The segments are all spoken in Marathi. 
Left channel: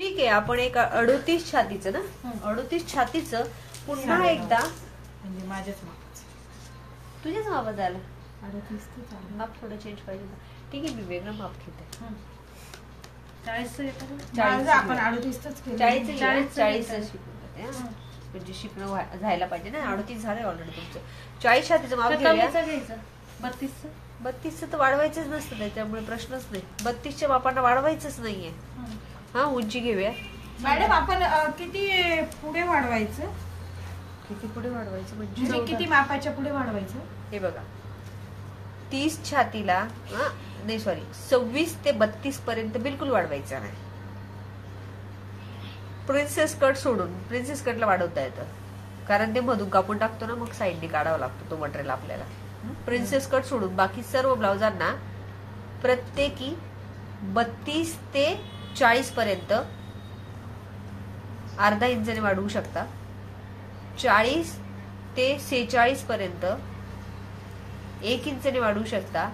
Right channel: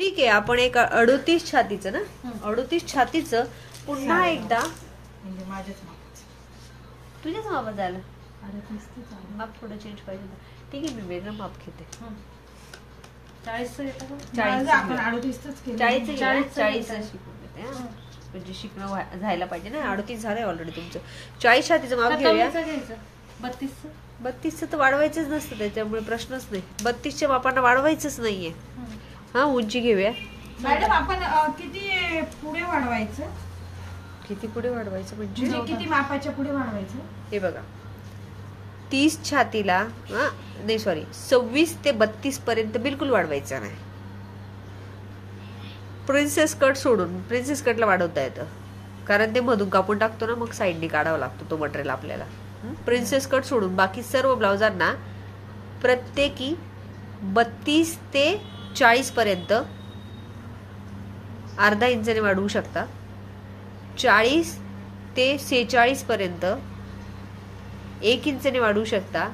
ठीक आहे, आपण एक 38 छातीचं ना, 38 छातीचं पुन्हा एकदा म्हणजे माझ्याच मापाचं. तुझ्याच मापात झालं. 38 माप थोडं चेंज पाहिजे. ठीक आहे, मी वेगळं माप घेते. 40चं घेता का? 40 आपण 38च केलं. 40 म्हणजे शिकणं झायला पाहिजे ना. 38 झालंय ऑलरेडी तुमचं. 40 छातीचं माप घेऊया. 32चं तर वाढवायचंच नसतं, त्याच्यामुळे प्रश्नच नाही. 32च्या मापांना वाढवायचंच नाहीये. हा, उंची घेऊया. मॅडम आपण किती पुढे वाढवायचं? किती पुढे वाढवायचं म्हणजे किती मापाच्या पुढे वाढवायचं? हे बघा, 30 छातीला नाही, सॉरी, 26 ते 32 पर्यंत बिलकुल वाढवायचं नाही. प्रिन्सेस कट सोडून प्रिन्सेस कटला वाढवता येतं, कारण ते मधून कापून टाकतो ना, मग साईडनी काढावा लागतो तो मटेरियल आपल्याला. प्रिन्सेस कट सोडून बाकी सर्व ब्लाउजांना प्रत्येकी 32 ते 40 पर्यंत अर्धा इंचाने वाढवू शकता. 40 ते 46 पर्यंत 1 इंचाने वाढवू शकता.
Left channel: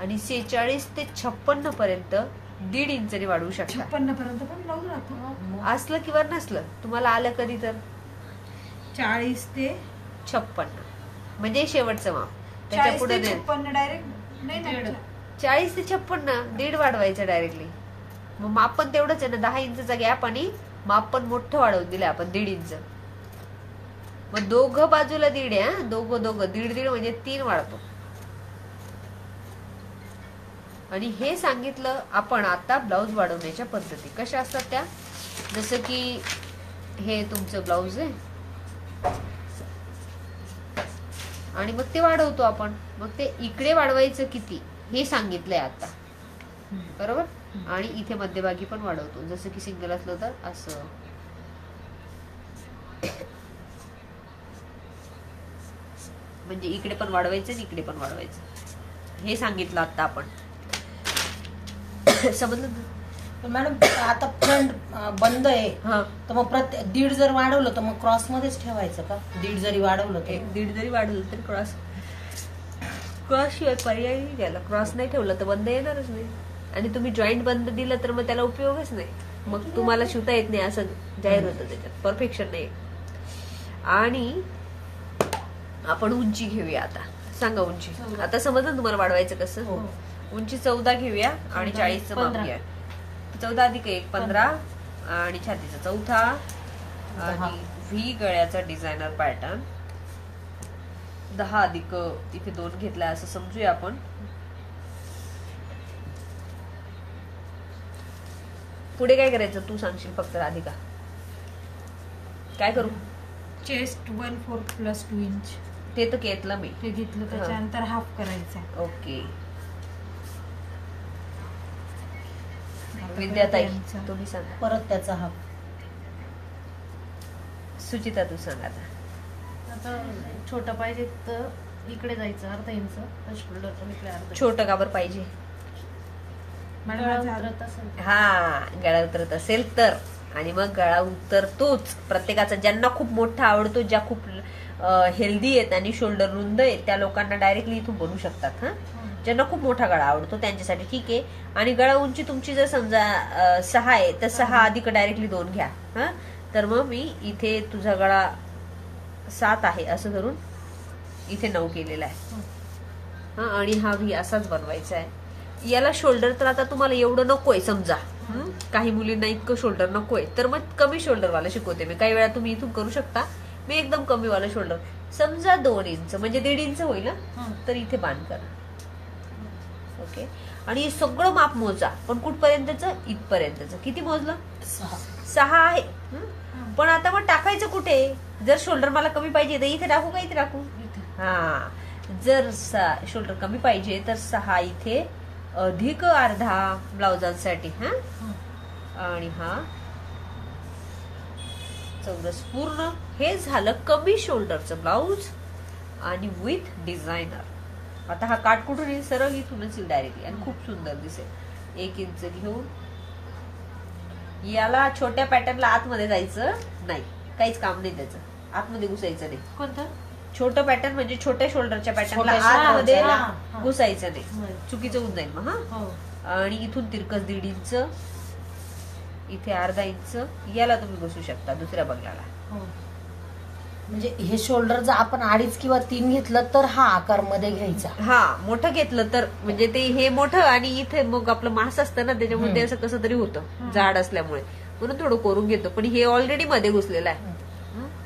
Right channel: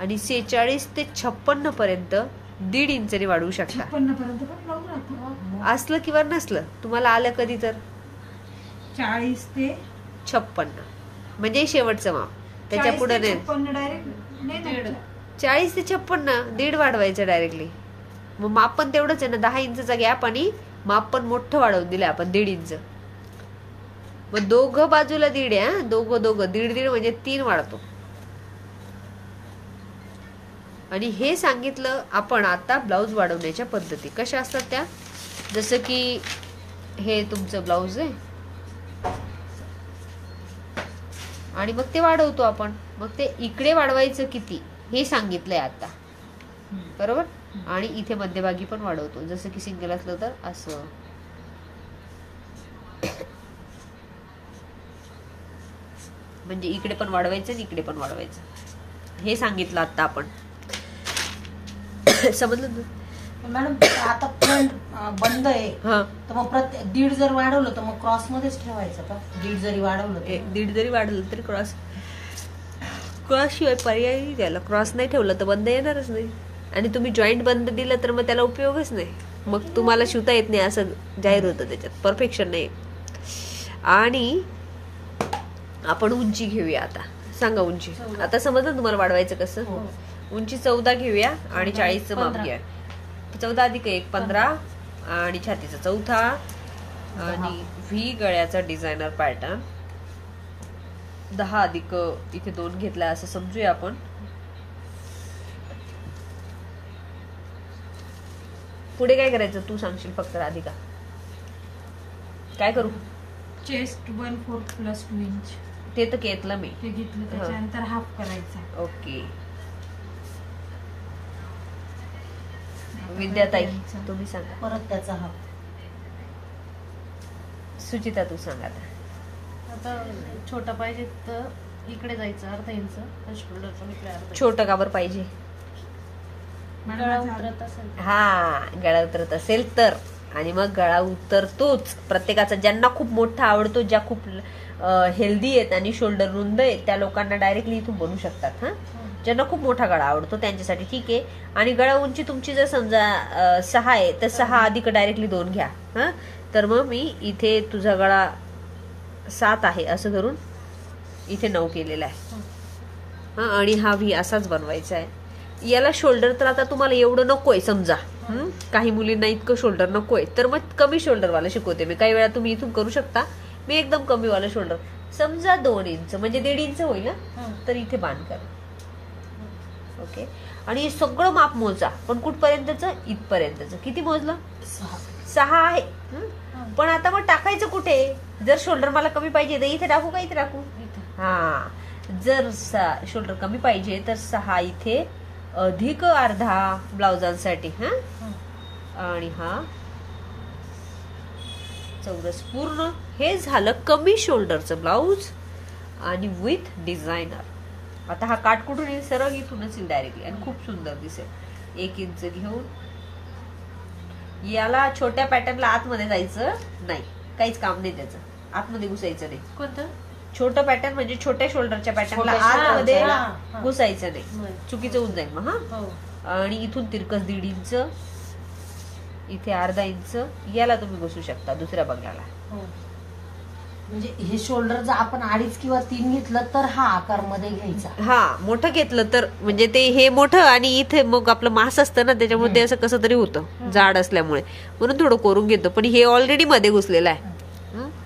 आणि 46 ते 56 पर्यंत 1.5 इंचाने वाढवू शकता. 56 पर्यंत पण ब्लाऊज राहतो, असलं किंवा नसलं, तुम्हाला आलं कधी तर. 40 ते 56 म्हणजे शेवटचं माप. त्याच्या पुढे नाही. 40 ते 56 1.5 वाढवायचं डायरेक्टली. मग माप पण तेवढंच आहे ना, 10 इंचचा गॅप, आणि माप पण मोठं वाढवून दिलं आपण 1.5 इंच. मग दोघं बाजूला 1.5 आहे. दोघं 1.5 म्हणजे 3 वाढतो. आणि हे सांगितलं आपण आता ब्लाऊज वाढवण्याच्या पद्धती कशा असतात त्या. जसं की हे तुमचं ब्लाऊज आहे आणि मग ते वाढवतो आपण. मग ते इकडे वाढवायचं किती हे सांगितलंय आता, बरोबर. आणि इथे मध्यभागी पण वाढवतो, जसं की सिंगल असलं तर असं. म्हणजे इकडे पण वाढवायचं आणि इकडे पण वाढवायचं हे सांगितलं आता आपण. समजलं मॅडम? आता फ्रंट बंद आहे, तर मग प्रत्येक 1.5 जर वाढवलं तर मग क्रॉस मध्येच ठेवायचं का? 1.5 जरी वाढवलं, 1.5 जरी वाढवलं तरी क्रॉस शिवाय पर्याय नाही त्याला. क्रॉस नाही ठेवलं तर बंद येणारच नाही. आणि तुम्ही जॉईंट बंद दिलं तर मग त्याला उपयोगच नाही. मग तुम्हाला शिवता येत नाही असं जाहीर होतं, त्याच्यात परफेक्शन नाही. आणि आपण उंची घेऊया आता. सांगा उंची. आता समजलं तुम्हाला वाढवायचं कसं. उंची 14 घेऊया आणि 40चं माप घ्या. 14 अधिक 1 15 आणि छातीचा 4 आणि व्ही गळ्याचा डिझायनर पॅटर्न 10 अधिक इथे 2 घेतला असं समजूया आपण. पुढे काय करायचं तू सांगशील फक्त राधिका. काय करू? चेस्ट 1/4 + 2 इंच ते तर घेतलं मी. ते घेतलं, त्याच्यानंतर हाफ करायचं. ओके. विद्याताई तुम्ही सांगा. परत त्याचा हाफ. सुचिता तू सांगा. आता छोटा पाहिजे तर इकडे जायचं अर्धा इंच, शोल्डर पण इकडे अर्धा. छोटं काबर पाहिजे? गळा उतरत असेल. हा, गळा उतरत असेल तर. आणि मग गळा उतरतोच प्रत्येकाचा. ज्यांना खूप मोठा आवडतो, ज्या खूप हेल्दी आहेत आणि शोल्डर रुंद आहे, त्या लोकांना डायरेक्टली इथून बनवू शकतात. ज्यांना खूप मोठा गळा आवडतो त्यांच्यासाठी ठीक आहे. आणि गळा उंची तुमची जर समजा 6 आहे तर 6 अधिक डायरेक्टली 2 घ्या. तर मग मी इथे तुझा गळा 7 आहे असं धरून इथे 9 केलेला आहे. आणि हा व्ही असाच बनवायचा आहे. याला शोल्डर तर आता तुम्हाला एवढं नकोय समजा. काही मुलींना इतकं शोल्डर नकोय, तर मग कमी शोल्डर वाला शिकवते मी. काही वेळा तुम्ही इथून करू शकता. मी एकदम कमी वाला शोल्डर समजा 2 इंच म्हणजे 1.5 इंच होईल तर इथे बांध करा. ओके. आणि हे सगळं माप मोजा, पण कुठपर्यंतच? इथपर्यंतच. किती मोजलं? 6 आहे. पण आता मग टाकायचं कुठे? जर शोल्डर मला कमी पाहिजे तर इथे टाकू का इथे टाकू? हा, जर शोल्डर कमी पाहिजे तर 6 इथे अधिक अर्धा ब्लाउजांसाठी. आणि हा चौरस पूर्ण. हे झालं कमी शोल्डरचं ब्लाउज आणि विथ डिझायनर. आता हा काट कुठून येईल? सरळ इथूनच येईल डायरेक्टली आणि खूप सुंदर दिसेल. 1 इंच घेऊन याला छोट्या पॅटर्नला आतमध्ये जायचं नाही, काहीच काम नाही त्याचं. आतमध्ये घुसायचं नाही. कोणतं? छोटं पॅटर्न म्हणजे छोट्या शोल्डरच्या पॅटर्नला आतमध्ये घुसायचं नाही, चुकीचं होऊन जाईल मग. आणि इथून तिरकस 1.5 इंच इथे अर्धा इंच याला तुम्ही घुसू शकता दुसऱ्या बगलाला. म्हणजे हे शोल्डर जर आपण 2.5 किंवा 3 घेतलं तर हा आकार मध्ये घ्यायचा. हा मोठं घेतलं तर म्हणजे ते हे मोठं आणि इथे मग आपलं मांस असतं ना त्याच्यामध्ये असं कसं तरी होतं जाड असल्यामुळे, म्हणून थोडं कोरून घेतो. पण हे ऑलरेडी मध्ये घुसलेलं आहे,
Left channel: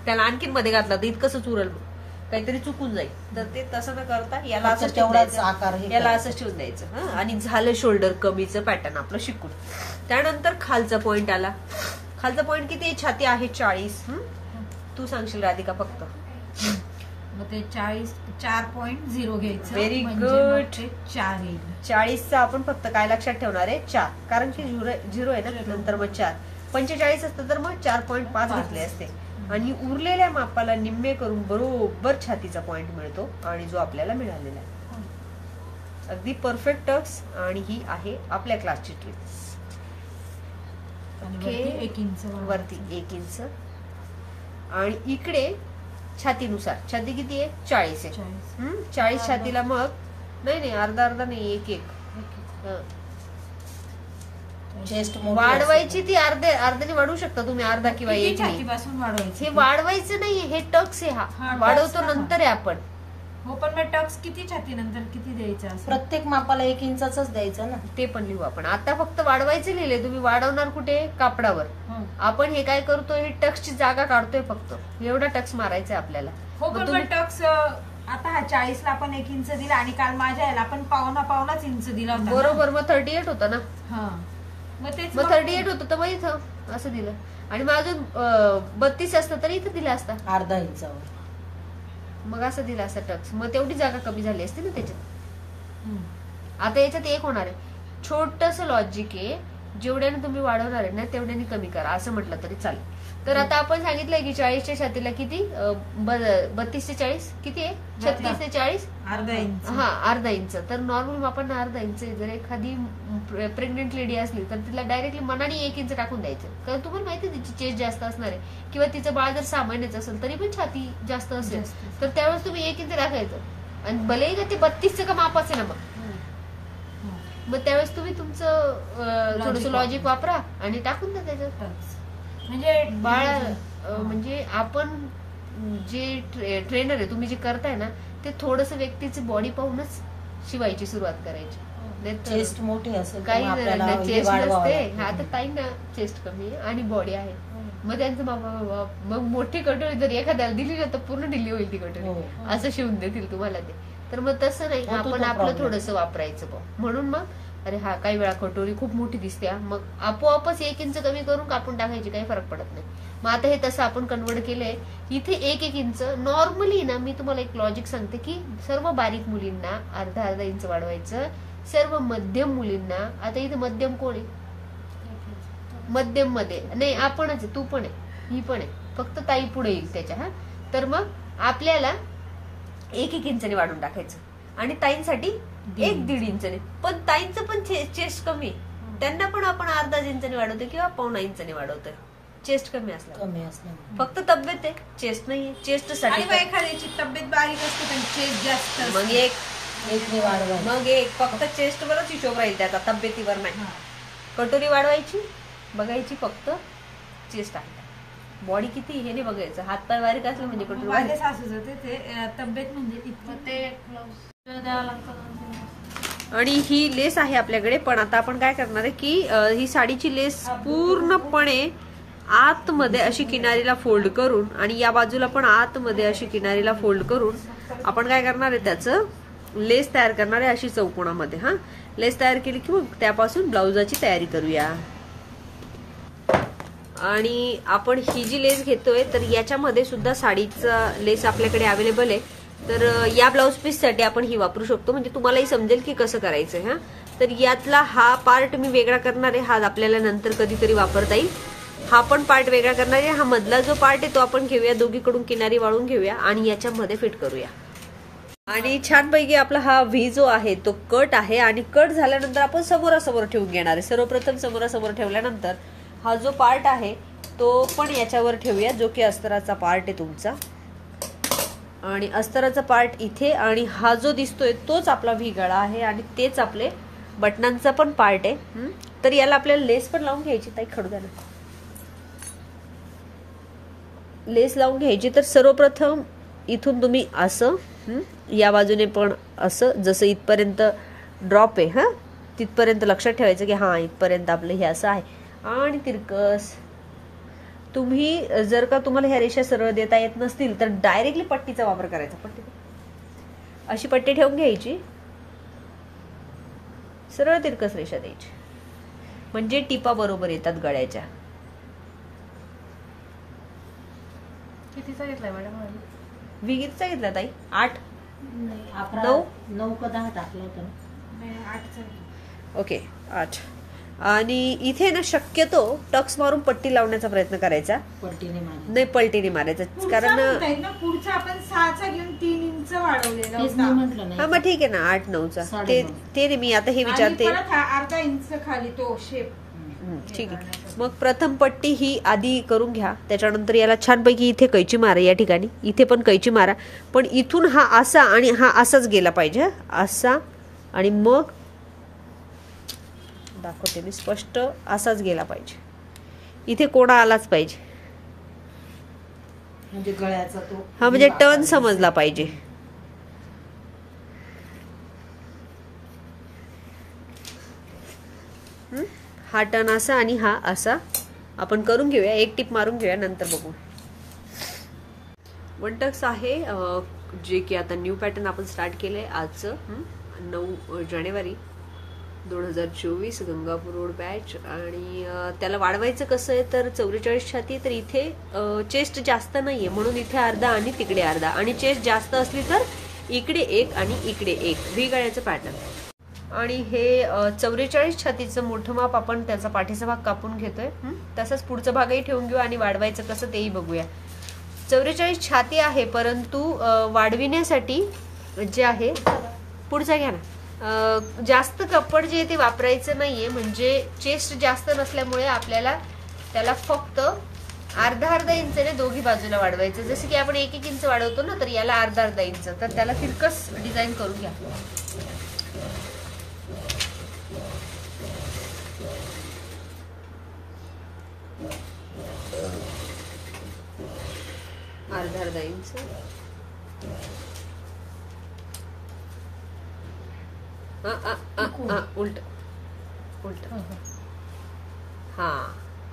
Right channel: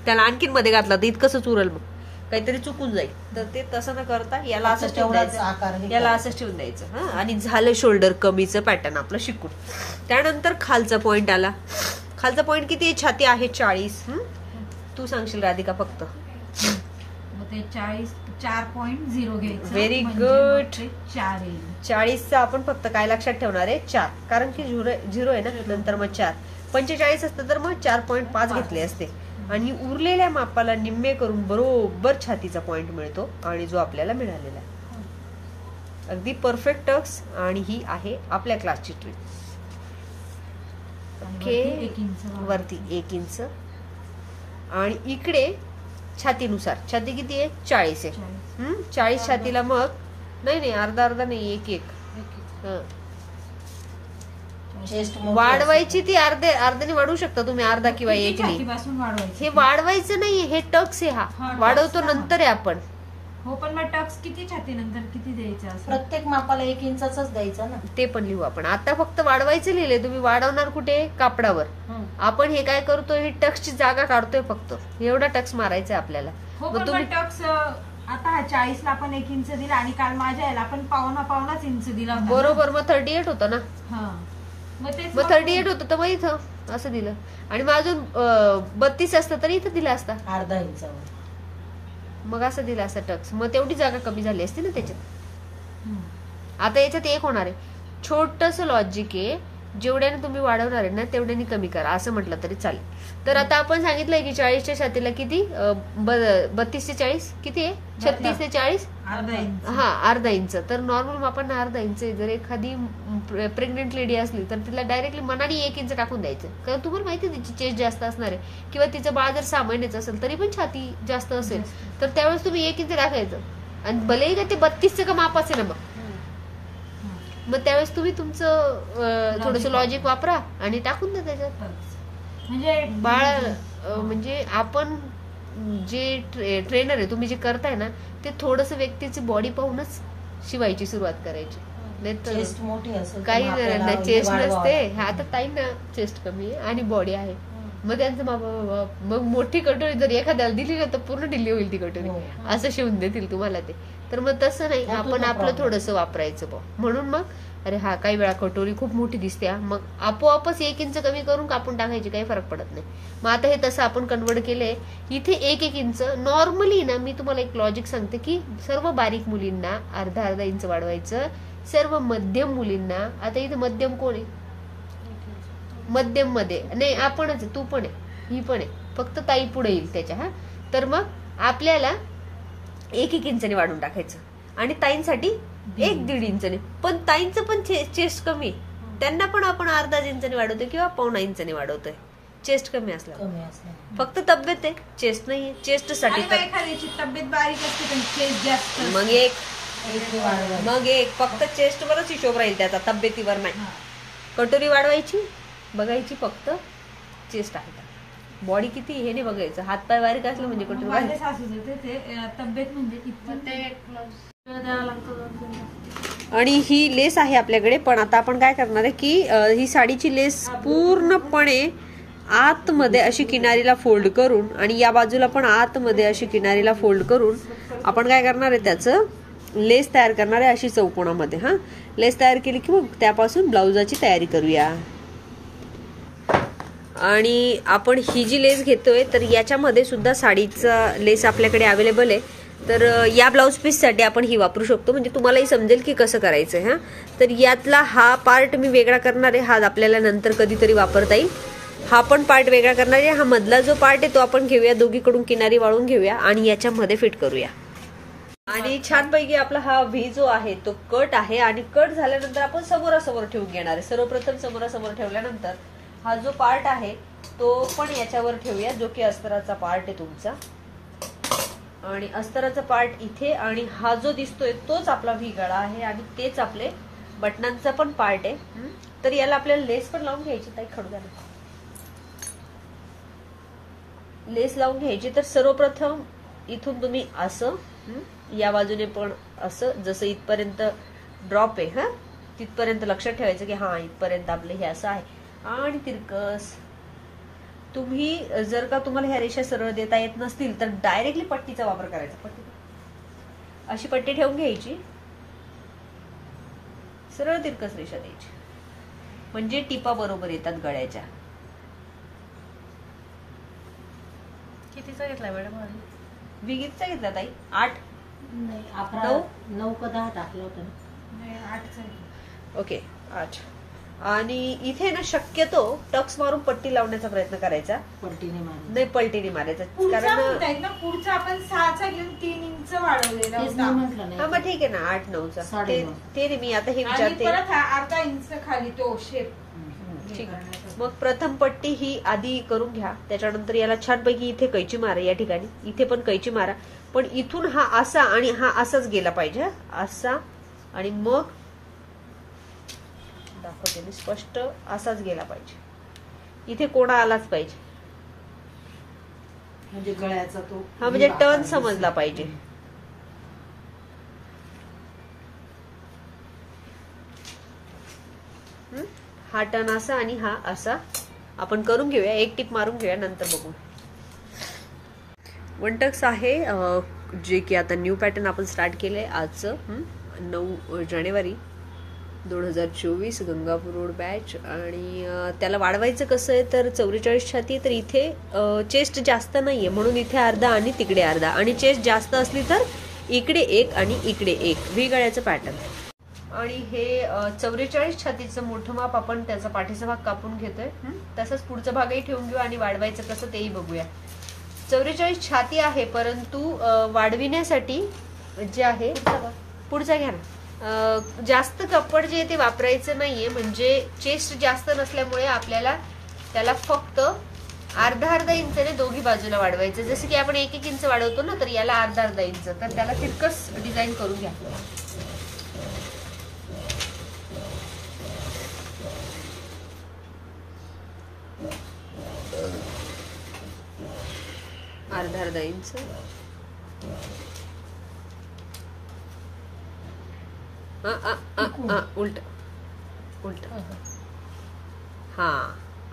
त्याला आणखीन मध्ये घातलं तर इतकंच उरल, मग काहीतरी चुकून जाईल. तर ते तसं न करता याला असंच ठेवून द्यायचं, याला असंच ठेवून द्यायचं. आणि झालं शोल्डर कमीचं पॅटर्न आपलं शिकून. त्यानंतर खालचा पॉइंट आला. खालचा पॉइंट किती? छाती आहे 40. तू सांगशील राधिका फक्त. मग ते 4.0 घ्यायचं. व्हेरी म्हणजे गुड. मग ते 4 येईल. 40चा आपण फक्त काय लक्षात ठेवणार आहे? 4, कारण की 0 आहे ना, नंतर मग 4. 45 असतं तर मग 4.5 घेतले असते. आणि उरलेल्या मापाला निम्मे करून बरोबर छातीचा पॉइंट मिळतो आणि जो आपल्याला मिळालेला आहे. अगदी परफेक्ट टक्स. आणि ही आहे आपल्या क्लासची ट्रिक. वरती 1 इंच. वरती 1 इंच आणि इकडे छातीनुसार. छाती किती आहे? 40 आहे. 40 छातीला मग नाही अर्धा नाही 1 चेस्ट वाढवायची. ती अर्ध्याने वाढवू शकता तुम्ही, अर्धा किंवा 1. छातीपासून वाढवायचं. हे वाढवायचं नाहीये, हे टक्स आहे. हा वाढवतो नंतर आहे आपण. हो, पण मग टक्स किती छातीनंतर किती द्यायचं असं? प्रत्येक मापाला 1 इंचाच द्यायचं ना. ते पण लिहू आपण. आता फक्त वाढवायचं लिहिले. तुम्ही वाढवणार कुठे? कापडावर. आपण हे काय करतोय? टक्सची जागा काढतोय फक्त. एवढा टक्स मारायचा आहे आपल्याला. हो, पण टक्स आता 40ला आपण 1 इंच दिला आणि काल माझ्या याला आपण पावणाच इंच दिला होता. बरोबर. मग 38 होता ना. मग 38 होतं तर मग इथं असं दिलं. आणि मग अजून 32 असतं तरी इथं दिला असता अर्धा इंचावर. मग असं दिला असता टक्स. मग तेवढी जागा कमी झाली असती ना त्याच्यात. आता याच्यात एक होणार आहे. छोटस लॉजिक आहे. जेवढ्याने तुम्ही वाढवणार आहे ना तेवढ्याने कमी करा असं म्हटलं तरी चालेल. तर आता आपण सांगितलंय की 40च्या छातीला किती? 32 ते 40 किती आहे? 36 ते 40 अर्धा इंच. अर्धा इंच. तर नॉर्मल आपण अर्धा इंच. जर एखादी प्रेग्नेंट लेडी असली तर तिला डायरेक्टली मनाने 1 इंच टाकून द्यायचं. कारण तुम्हाला माहिती तिची चेस्ट जास्त असणार आहे. किंवा तिचं बाळ जर 6 महिन्याचं असेल तरी पण छाती जास्त असेल तर त्यावेळेस तुम्ही 1 इंच टाकायचं. आणि भलेही का ते 32चं का माप असेल ना मग त्यावेळेस तुम्ही तुमचं थोडस लॉजिक वापरा आणि टाकून द्या त्याच्यात. म्हणजे बाळ म्हणजे आपण जे ट्रेनर आहे तुम्ही जे करताय ना ते थोडस व्यक्तीची बॉडी पाहूनच शिवायची सुरुवात करायची. चेस्ट मोठी असेल काही नाही, चेस्ट नसते. आता ताई ना चेस्ट कमी आहे आणि बॉडी आहे. मग त्यांचं मग मोठी कटोरी जर एखाद्याला दिली ना तर पूर्ण ढिल्ली होईल ती कटोरी. असं शिवून देतील तुम्हाला ते. तर मग तसं नाही, आपण आपलं थोडंसं वापरायचं. म्हणून मग अरे हा काही वेळा कटोरी खूप मोठी दिसते, मग आपोआपच 1 इंच कमी करून कापून टाकायची, काही फरक पडत नाही. मग आता हे तसं आपण कन्वर्ट केलंय. इथे 1 इंच नॉर्मली ना. मी तुम्हाला एक लॉजिक सांगते की सर्व बारीक मुलींना अर्धा इंच वाढवायचं. सर्व मध्यम मुलींना, आता इथे मध्यम कोण आहे? मध्यम मध्ये नाही आपणच, तू पण आहे, ही पण आहे, फक्त ताई पुढे येईल त्याच्या. तर मग आपल्याला 1 इंचाने वाढून टाकायचं. आणि ताईंसाठी 1-1.5 इंचाने. पण ताईंचं पण चेस्ट कमी, त्यांना पण आपण अर्धा इंचाने वाढवतोय किंवा 1.25 इंचाने वाढवतोय. चेस्ट कमी असला फक्त तब्येत आहे, चेस्ट नाहीये. चेस्ट साठी तब्येत बारीक असते पण चेस्ट जास्त. मग एक फक्त चेस्ट वरच हिशोब राहील त्याचा, तब्येतीवर नाही. कटोरी वाढवायची, बघायची फक्त चेस्ट आहे का, बॉडी किती हे नाही बघायचं. हात पाय बारीक असलं म्हणजे कटोरी. माझ्या सासूच होते ते तब्येत म्हणजे आणि ही लेस आहे आपल्याकडे. पण आता आपण काय करणार आहे की ही साडीची लेस पूर्णपणे आतमध्ये अशी किनारीला फोल्ड करून आणि या बाजूला पण आतमध्ये अशी किनारीला फोल्ड करून आपण काय करणार आहे, त्याचं लेस तयार करणार आहे अशी चौकोनामध्ये. लेस तयार केली की मग त्यापासून ब्लाउजाची तयारी करूया. आणि आपण ही जी लेस घेतोय तर याच्यामध्ये सुद्धा साडीचा लेस आपल्याकडे अवेलेबल आहे. तर या ब्लाउज पीस साठी आपण ही वापरू शकतो, म्हणजे तुम्हालाही समजेल की कसं करायचंय. तर यातला हा पार्ट मी वेगळा करणार आहे, हा आपल्याला नंतर कधीतरी वापरता येईल. हा पण पार्ट वेगळा करणार आहे. हा मधला जो पार्ट आहे तो आपण घेऊया, दोघीकडून किनारी वाळून घेऊया आणि याच्यामध्ये फिट करूया. आणि छानपैकी आपला हा व्ही जो आहे तो कट आहे. आणि कट झाल्यानंतर आपण समोरासमोर ठेवून घेणार आहे. सर्वप्रथम समोरासमोर ठेवल्यानंतर हा जो पार्ट आहे तो पण याच्यावर ठेवूया, जो की अस्तराचा पार्ट आहे तुमचा. आणि अस्तराचा पार्ट इथे आणि हा जो दिसतोय तोच आपला व्ही गळा आहे आणि तेच आपले बटनांचा पण पार्ट आहे. तर याला आपल्याला लेस पण लावून घ्यायची. ताई खडू द्या ना. लेस लावून घ्यायची. तर सर्वप्रथम इथून तुम्ही असं, या बाजूने पण असं, जसं इथपर्यंत ड्रॉप आहे तिथपर्यंत लक्षात ठेवायचं की इथपर्यंत आपलं हे असं आहे. आणि तिरकस तुम्ही जर का तुम्हाला ह्या रेषा सरळ देता येत नसतील तर डायरेक्टली पट्टीचा वापर करायचा. पट्टी अशी पट्टी ठेवून घ्यायची, सरळ तिरकस रेषा द्यायची, म्हणजे टिपा बरोबर येतात गळ्याच्या. कितीचा घेतलाय मॅडम? विगीतचा घेतला ताई? 8 9 का 10 टाकलं होतं ना. 8चा. ओके 8. आणि इथे ना शक्यतो टक्स मारून पट्टी लावण्याचा प्रयत्न करायचा. पलटीने मारायचं. नाही पलटीने मारायचं, कारण पुढचा आपण 6चा घेऊन 3 इंच वाढवलेला तेच होता. मी म्हटलं ना. मग ठीक आहे ना 8-9चा. 9.5. ते मी आता हे आणि विचारते. परत हा अर्धा इंच खाली तो शेप. ठीक आहे. मग प्रथम पट्टी ही आधी करून घ्या. त्याच्यानंतर याला छानपैकी इथे कैची मारा. या ठिकाणी इथे पण कैची मारा. पण इथून हा असा आणि हा असाच गेला पाहिजे. असा आणि मग दाखवते मी स्पष्ट, असाच गेला पाहिजे. इथे कोणा आलाच पाहिजे. म्हणजे गळ्याचा तो म्हणजे टर्न समजला पाहिजे. हा टर्न असा आणि हा असा आपण करून घेऊया. एक टिप मारून घेऊया, नंतर बघू. 1 टक्स आहे, जे की आता न्यू पॅटर्न आपण स्टार्ट केलंय आजचं 9 जानेवारी 2024 गंगापूर रोड बॅच. आणि त्याला वाढवायचं कसं आहे तर 44 छाती. तर इथे चेस्ट जास्त नाहीये म्हणून इथे अर्धा आणि तिकडे अर्धा, आणि चेस्ट जास्त असली तर इकडे 1 आणि इकडे 1 व्ही गळ्याचं पॅटर्न. आणि हे 44 छातीचं मोठं माप आपण त्याचा पाठीचा भाग कापून घेतोय. तसंच पुढचा भागही ठेवून घेऊ आणि वाढवायचं कसं तेही बघूया. 44 छाती आहे, परंतु वाढविण्यासाठी जे आहे पुढचा घ्या ना, जास्त कपड जे ते वापरायचं नाहीये. म्हणजे चेस्ट जास्त नसल्यामुळे आपल्याला त्याला फक्त अर्धा इंचने दोघी बाजूला वाढवायचं. जसं की आपण 1-1 इंच वाढवतो ना, तर याला अर्धा इंच. तर त्याला तिरकस डिझाईन करून घ्या. अर्धा इंच. उलट उलट. हा,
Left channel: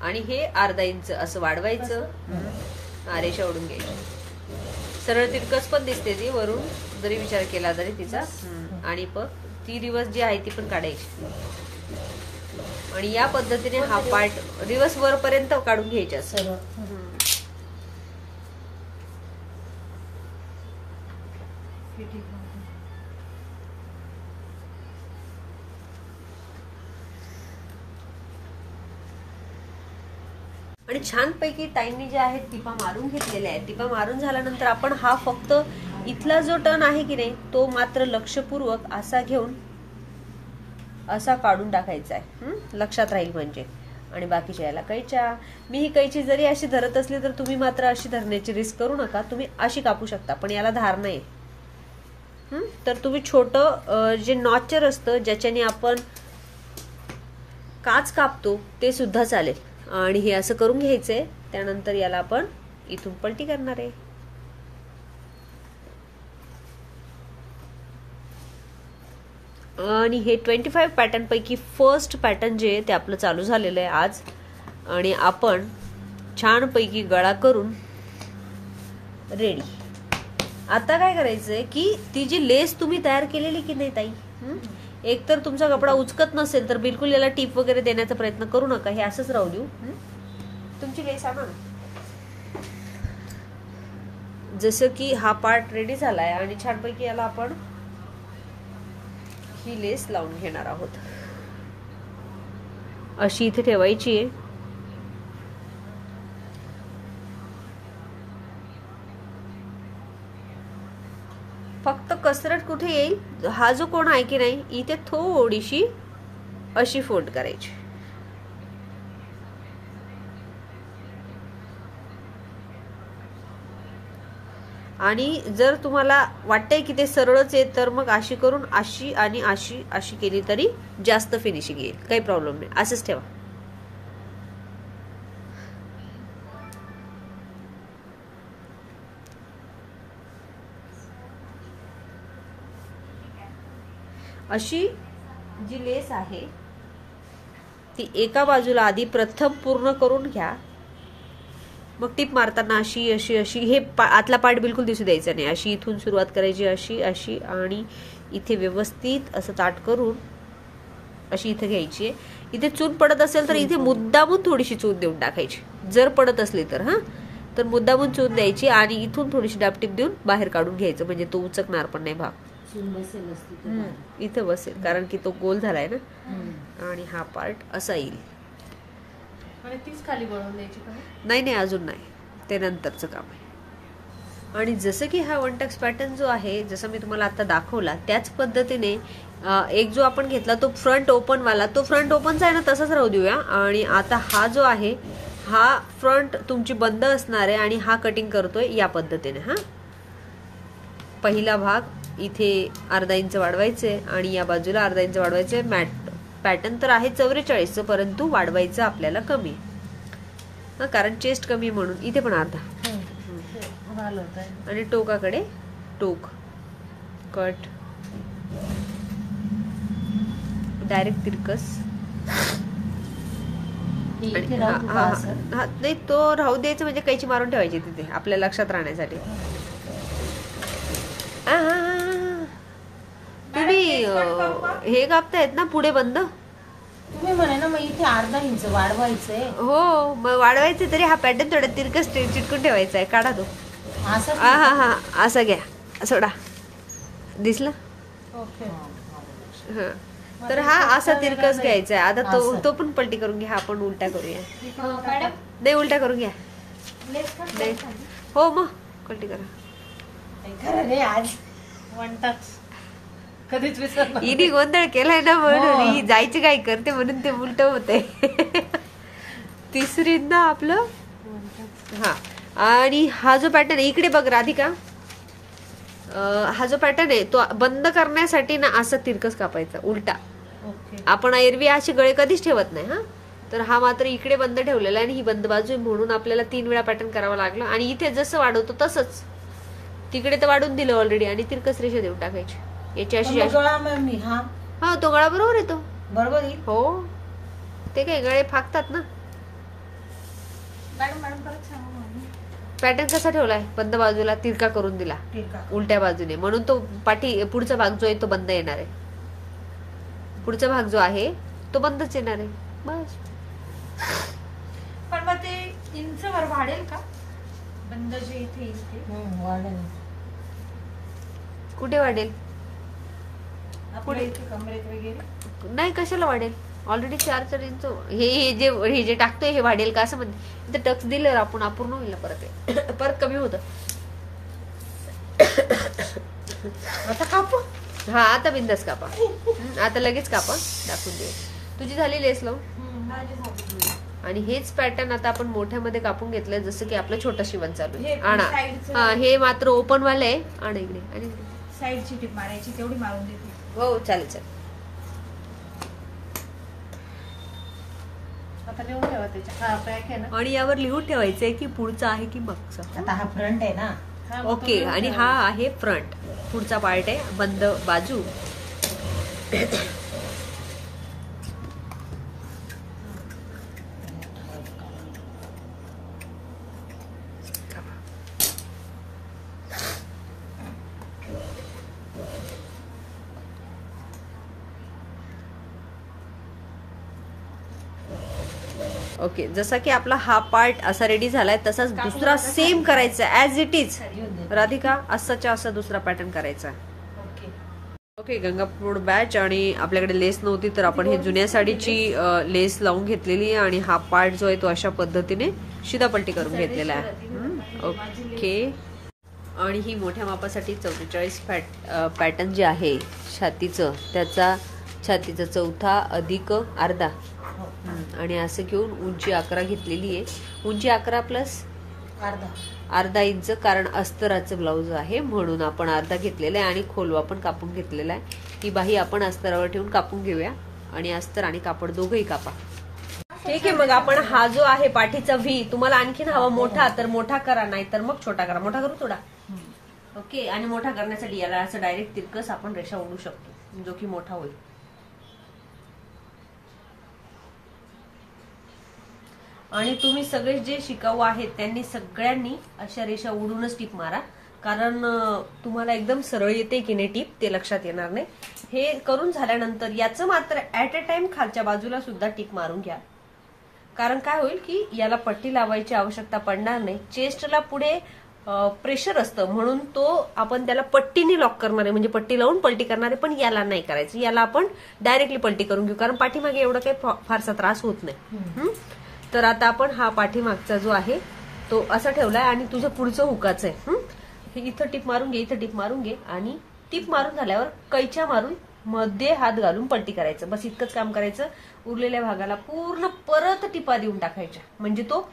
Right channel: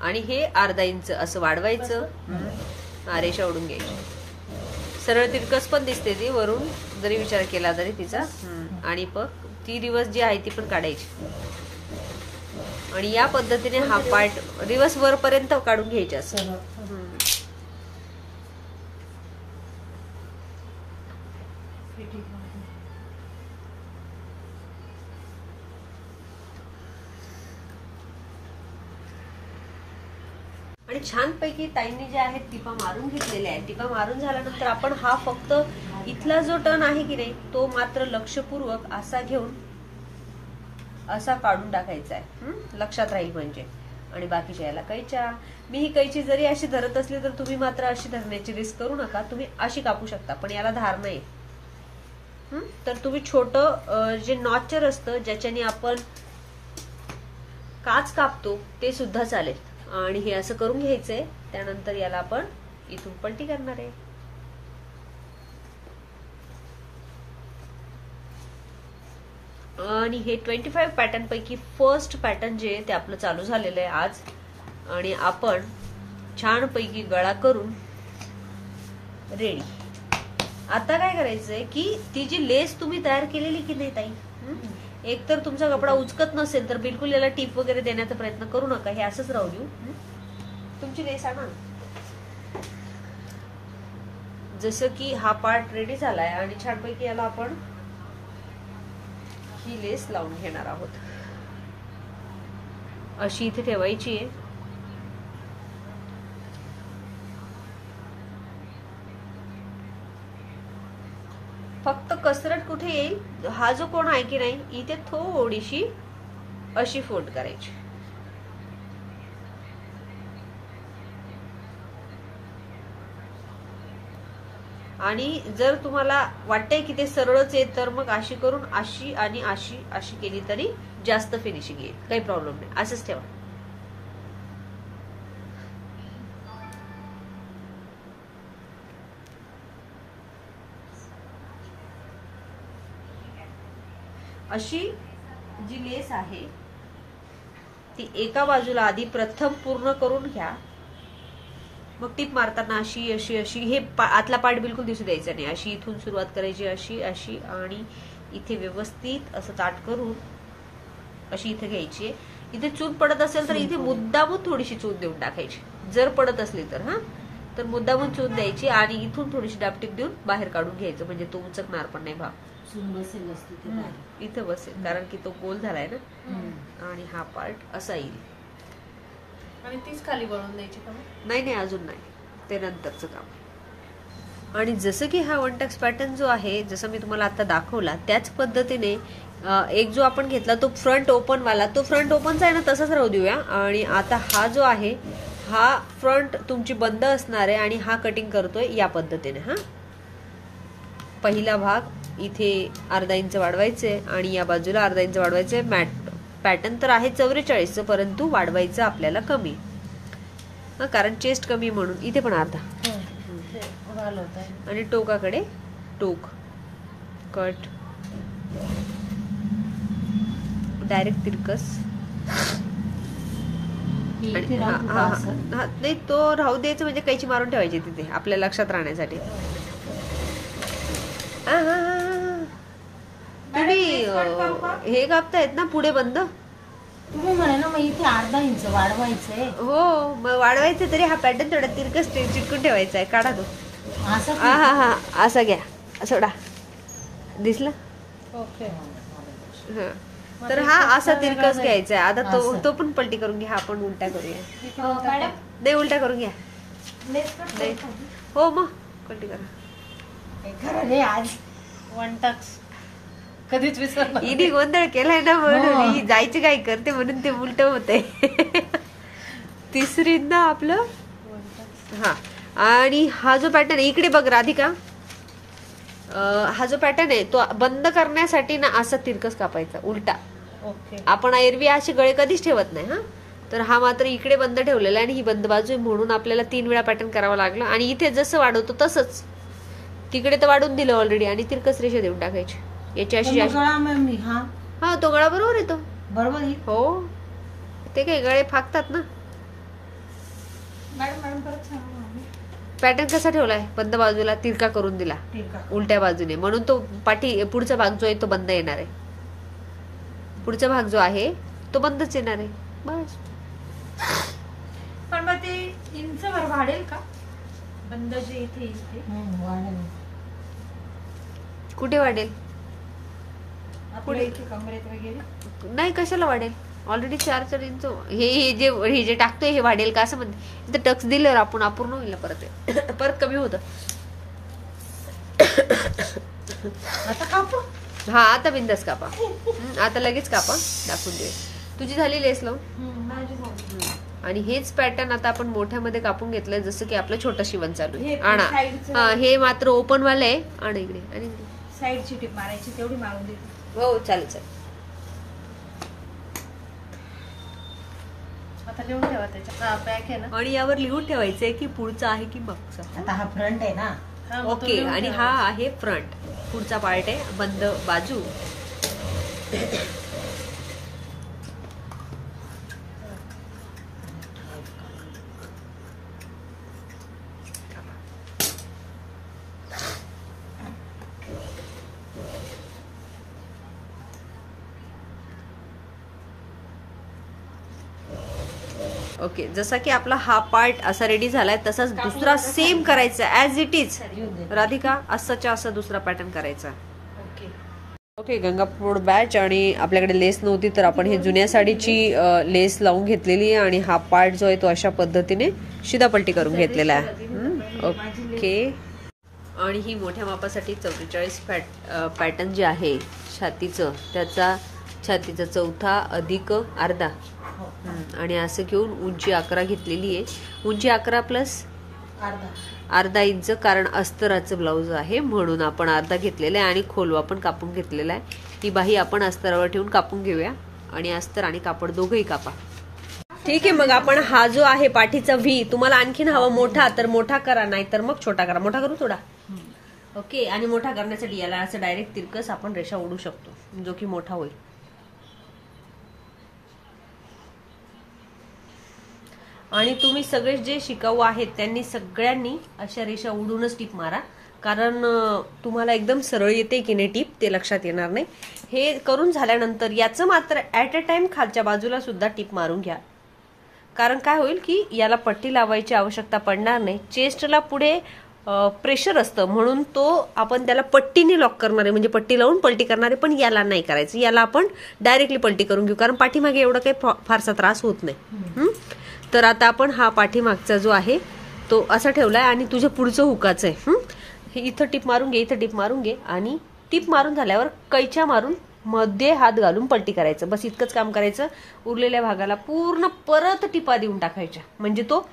आणि हे अर्धा इंच असं वाढवायचं. रेषा ओढून घ्यायची. सरळ तिरकस पण दिसते ती वरून जरी विचार केला तरी तिचा. आणि ती रिवर्स जी आहे ती पण काढायची. आणि या पद्धतीने हा पार्ट रिवर्स वरपर्यंत काढून घ्यायचा असं. आणि छानपैकी ताईंनी जे आहेत टिपा मारून घेतलेल्या आहेत. टिपा मारून झाल्यानंतर आपण हा फक्त इथला जो टर्न आहे की नाही तो मात्र लक्षपूर्वक असा घेऊन असा काढून टाकायचा आहे. लक्षात राहील म्हणजे. आणि बाकीच्या याला कैच्या. मी ही कैची जरी अशी धरत असली तर तुम्ही मात्र अशी धरण्याची रिस्क करू नका. तुम्ही अशी कापू शकता, पण याला धार नाही. तर तुम्ही छोटं जे नॉचर असतं ज्याच्याने आपण काच कापतो ते सुद्धा चालेल. आणि हे असं करून घ्यायचंय. त्यानंतर याला आपण इथून पलटी करणार आहे. आणि हे 25 पॅटर्न पैकी फर्स्ट पॅटर्न जे आहे ते आपलं चालू झालेलं आहे आज. आणि आपण छानपैकी गळा करून रेडी. आता काय करायचंय की ती जी लेस तुम्ही तयार केलेली की नाही ताई, एक तर तुमचा कपडा उचकत नसेल तर बिलकुल याला टीप वगैरे देण्याचा प्रयत्न करू नका. हे असंच राहू देऊ. तुमची लेस आणा. जसं की हा पार्ट रेडी झालाय आणि छानपैकी याला आपण ही लेस लावून घेणार आहोत. अशी इथे ठेवायची आहे. फक्त कसरत कुठे येईल, हा जो कोण आहे की नाही इथे थोडीशी अशी फोल्ड करायची. आणि जर तुम्हाला वाटतंय की ते सरळच आहे तर मग अशी करून अशी आणि अशी अशी केली तरी जास्त फिनिशिंग येईल, काही प्रॉब्लेम नाही. असंच ठेवा. अशी जी लेस आहे ती एका बाजूला आधी प्रथम पूर्ण करून घ्या, मग टीप मारताना अशी अशी अशी हे आतला पार्ट बिलकुल दिसू द्यायचा नाही. अशी इथून सुरुवात करायची, अशी अशी आणि इथे व्यवस्थित असं ताट करून अशी इथे घ्यायची. इथे चून पडत असेल तर इथे मुद्दामून थोडीशी चून देऊन टाकायची, जर पडत असली तर तर मुद्दामून चून द्यायची आणि इथून थोडीशी डापटीप देऊन बाहेर काढून घ्यायचं, म्हणजे तो उचकणार पण नाही भाग. इथे बसेल कारण की तो गोल झालाय ना. आणि हा पार्ट असा येईल. आणि तीच खाली वळून द्यायची का? नाही नाही, अजून नाही, ते नंतरचं काम आहे. आणि जसं की हा वन टक्स पॅटर्न जो आहे, जसं मी तुम्हाला आता दाखवला त्याच पद्धतीने एक जो आपण घेतला तो फ्रंट ओपन वाला, तो फ्रंट ओपनचा आहे ना तसाच राहू देऊया. आणि आता हा जो आहे हा फ्रंट तुमची बंद असणार आहे आणि हा कटिंग करतोय या पद्धतीने. पहिला भाग इथे अर्धा इंच वाढवायचे आणि या बाजूला अर्धा इंच वाढवायचे. मॅट पॅटर्न तर आहे 44चं, परंतु वाढवायचं आपल्याला कमी, कारण चेस्ट कमी म्हणून इथे पण अर्धा. आणि टोकाकडे टोक कट डायरेक्ट तिरकस. नाही तो राहू द्यायचं, म्हणजे कैची मारून ठेवायची तिथे आपल्या लक्षात राहण्यासाठी. तुम्ही हे कापतायत ना पुढे बंद, तुम्ही म्हणे ना मग इथे अर्धा इंच वाढवायचंय. हो मग वाढवायचे, तरी हा पॅटर्न थोडा तिरकस चिटकून ठेवायचा आहे. काढा तो. असा घ्या, सोडा. दिसला? तर हा असा तिरकस घ्यायचा आहे. आता तो पण पलटी करून घ्या. आपण उलटा करूया. नाही, उलटा करून घ्या. नाही हो मग पलटी करा. आज वन टक्स कधीच विसरणार. हिने गोंधळ केलाय ना म्हणून ही जायची काय करते म्हणून ते उलट होतंय. तिसरींदा आपलं. आणि हा जो पॅटर्न आहे इकडे बघ राधिका, हा जो पॅटर्न आहे तो बंद करण्यासाठी ना असा तिरकस कापायचा उलटा. आपण एरवी असे गळे कधीच ठेवत नाही. तर हा मात्र इकडे बंद ठेवलेला आहे आणि ही बंद बाजू आहे म्हणून आपल्याला 3 वेळा पॅटर्न करावा लागला. आणि इथे जसं वाढवतो तसंच तिकडे तर वाढून दिलं ऑलरेडी आणि तिरकस रेषा देऊन टाकायची. याची अशी तो गळा बरोबर येतो. बरोबर हो, ते काय गळे फाकतात ना. पॅटर्न कसा ठेवलाय? बंद बाजूला तिरका करून दिला उलट्या बाजूने, म्हणून तो पाठी पुढचा भाग जो आहे तो बंद येणार आहे. पुढचा भाग जो आहे तो बंदच येणार आहे. बस. पण मग ते इंचवर वाढेल का बंद जे इथे येईल ते? कुठे वाढेल? पुढे कमरेत वगैरे नाही, कशाला वाढेल? ऑलरेडी 4 इंच हे जे टाकतोय हे वाढेल का असं म्हणते. टक्स दिल्यावर आपण अपूर्ण होईल परत कमी होतं. आता कापू. आता बिंदास कापा. आता लगेच कापा, दाखवून दे. तुझी झाली लेस लावून. आणि हेच पॅटर्न आता आपण मोठ्यामध्ये कापून घेतलंय, जसं की आपलं छोटं शिवण चालू आहे. आणा. हे मात्र ओपन वालं आहे. आणि इकडे आणि साईडची टिप मारायची तेवढी मारून देते. हो चालेल चालेल. आता लिहून ठेवा त्याच्या पॅक आहे ना. आणि यावर लिहून ठेवायचंय की पुढचा आहे की मागचा. आता हा फ्रंट आहे ना. ओके. आणि हा आहे फ्रंट, पुढचा पार्ट आहे बंद बाजू. ओके. जसा की आपला हा पार्ट असा रेडी झालाय तसाच दुसरा सेम करायचा ऍज इट इज. राधिका असाच्या असा दुसरा पॅटर्न करायचा. ओके. गंगापूर बॅच. आणि आपल्याकडे लेस नव्हती तर आपण हे जुन्या साडीची लेस लावून घेतलेली आहे आणि हा पार्ट जो आहे तो अशा पद्धतीने शिदापलटी करून घेतलेला आहे. ओके. आणि ही मोठ्या मापासाठी 44 पॅटर्न जे आहे छातीचं, त्याचा छातीचा चौथा अधिक अर्धा. आणि असं घेऊन उंची 11 घेतलेली आहे. उंची 11 प्लस अर्धा इंच, कारण अस्तराचं ब्लाऊज आहे म्हणून आपण अर्धा घेतलेला आहे आणि खोलवा पण कापून घेतलेला आहे. ही बाही आपण अस्तरावर ठेवून कापून घेऊया आणि अस्तर आणि कापड दोघंही कापा. ठीक आहे, मग आपण हा जो आहे पाठीचा व्ही, तुम्हाला आणखीन हवा मोठा तर मोठा करा, नाही तर मग छोटा करा. मोठा करू थोडा. ओके, आणि मोठा करण्यासाठी याला असं डायरेक्ट तिरकस आपण रेषा ओढू शकतो, जो की मोठा होईल. आणि तुम्ही सगळे जे शिकाऊ आहेत त्यांनी सगळ्यांनी अशा रेषा ओढूनच टीप मारा, कारण तुम्हाला एकदम सरळ येते की नाही टीप ते लक्षात येणार नाही. हे करून झाल्यानंतर याचं मात्र ऍट अ टाइम खालच्या बाजूला सुद्धा टीप मारून घ्या, कारण काय होईल की याला पट्टी लावायची आवश्यकता पडणार नाही. चेस्टला पुढे प्रेशर असतं म्हणून तो आपण त्याला पट्टीने लॉक करणारे, म्हणजे पट्टी लावून पलटी करणारे, पण याला नाही करायचं. याला आपण डायरेक्टली पलटी करून घेऊ, कारण पाठीमागे एवढं काही फारसा त्रास होत नाही. तर आता आपण हा पाठीमागचा जो आहे तो असा ठेवलाय आणि तुझ्या पुढचं हुकाचं आहे. हे इथं टिप मारून घे, इथं टिप मारून घे आणि टिप मारून झाल्यावर कैच्या मारून मध्ये हात घालून पलटी करायचं. बस इतकंच काम करायचं. उरलेल्या भागाला पूर्ण परत टिपा देऊन टाकायच्या, म्हणजे तो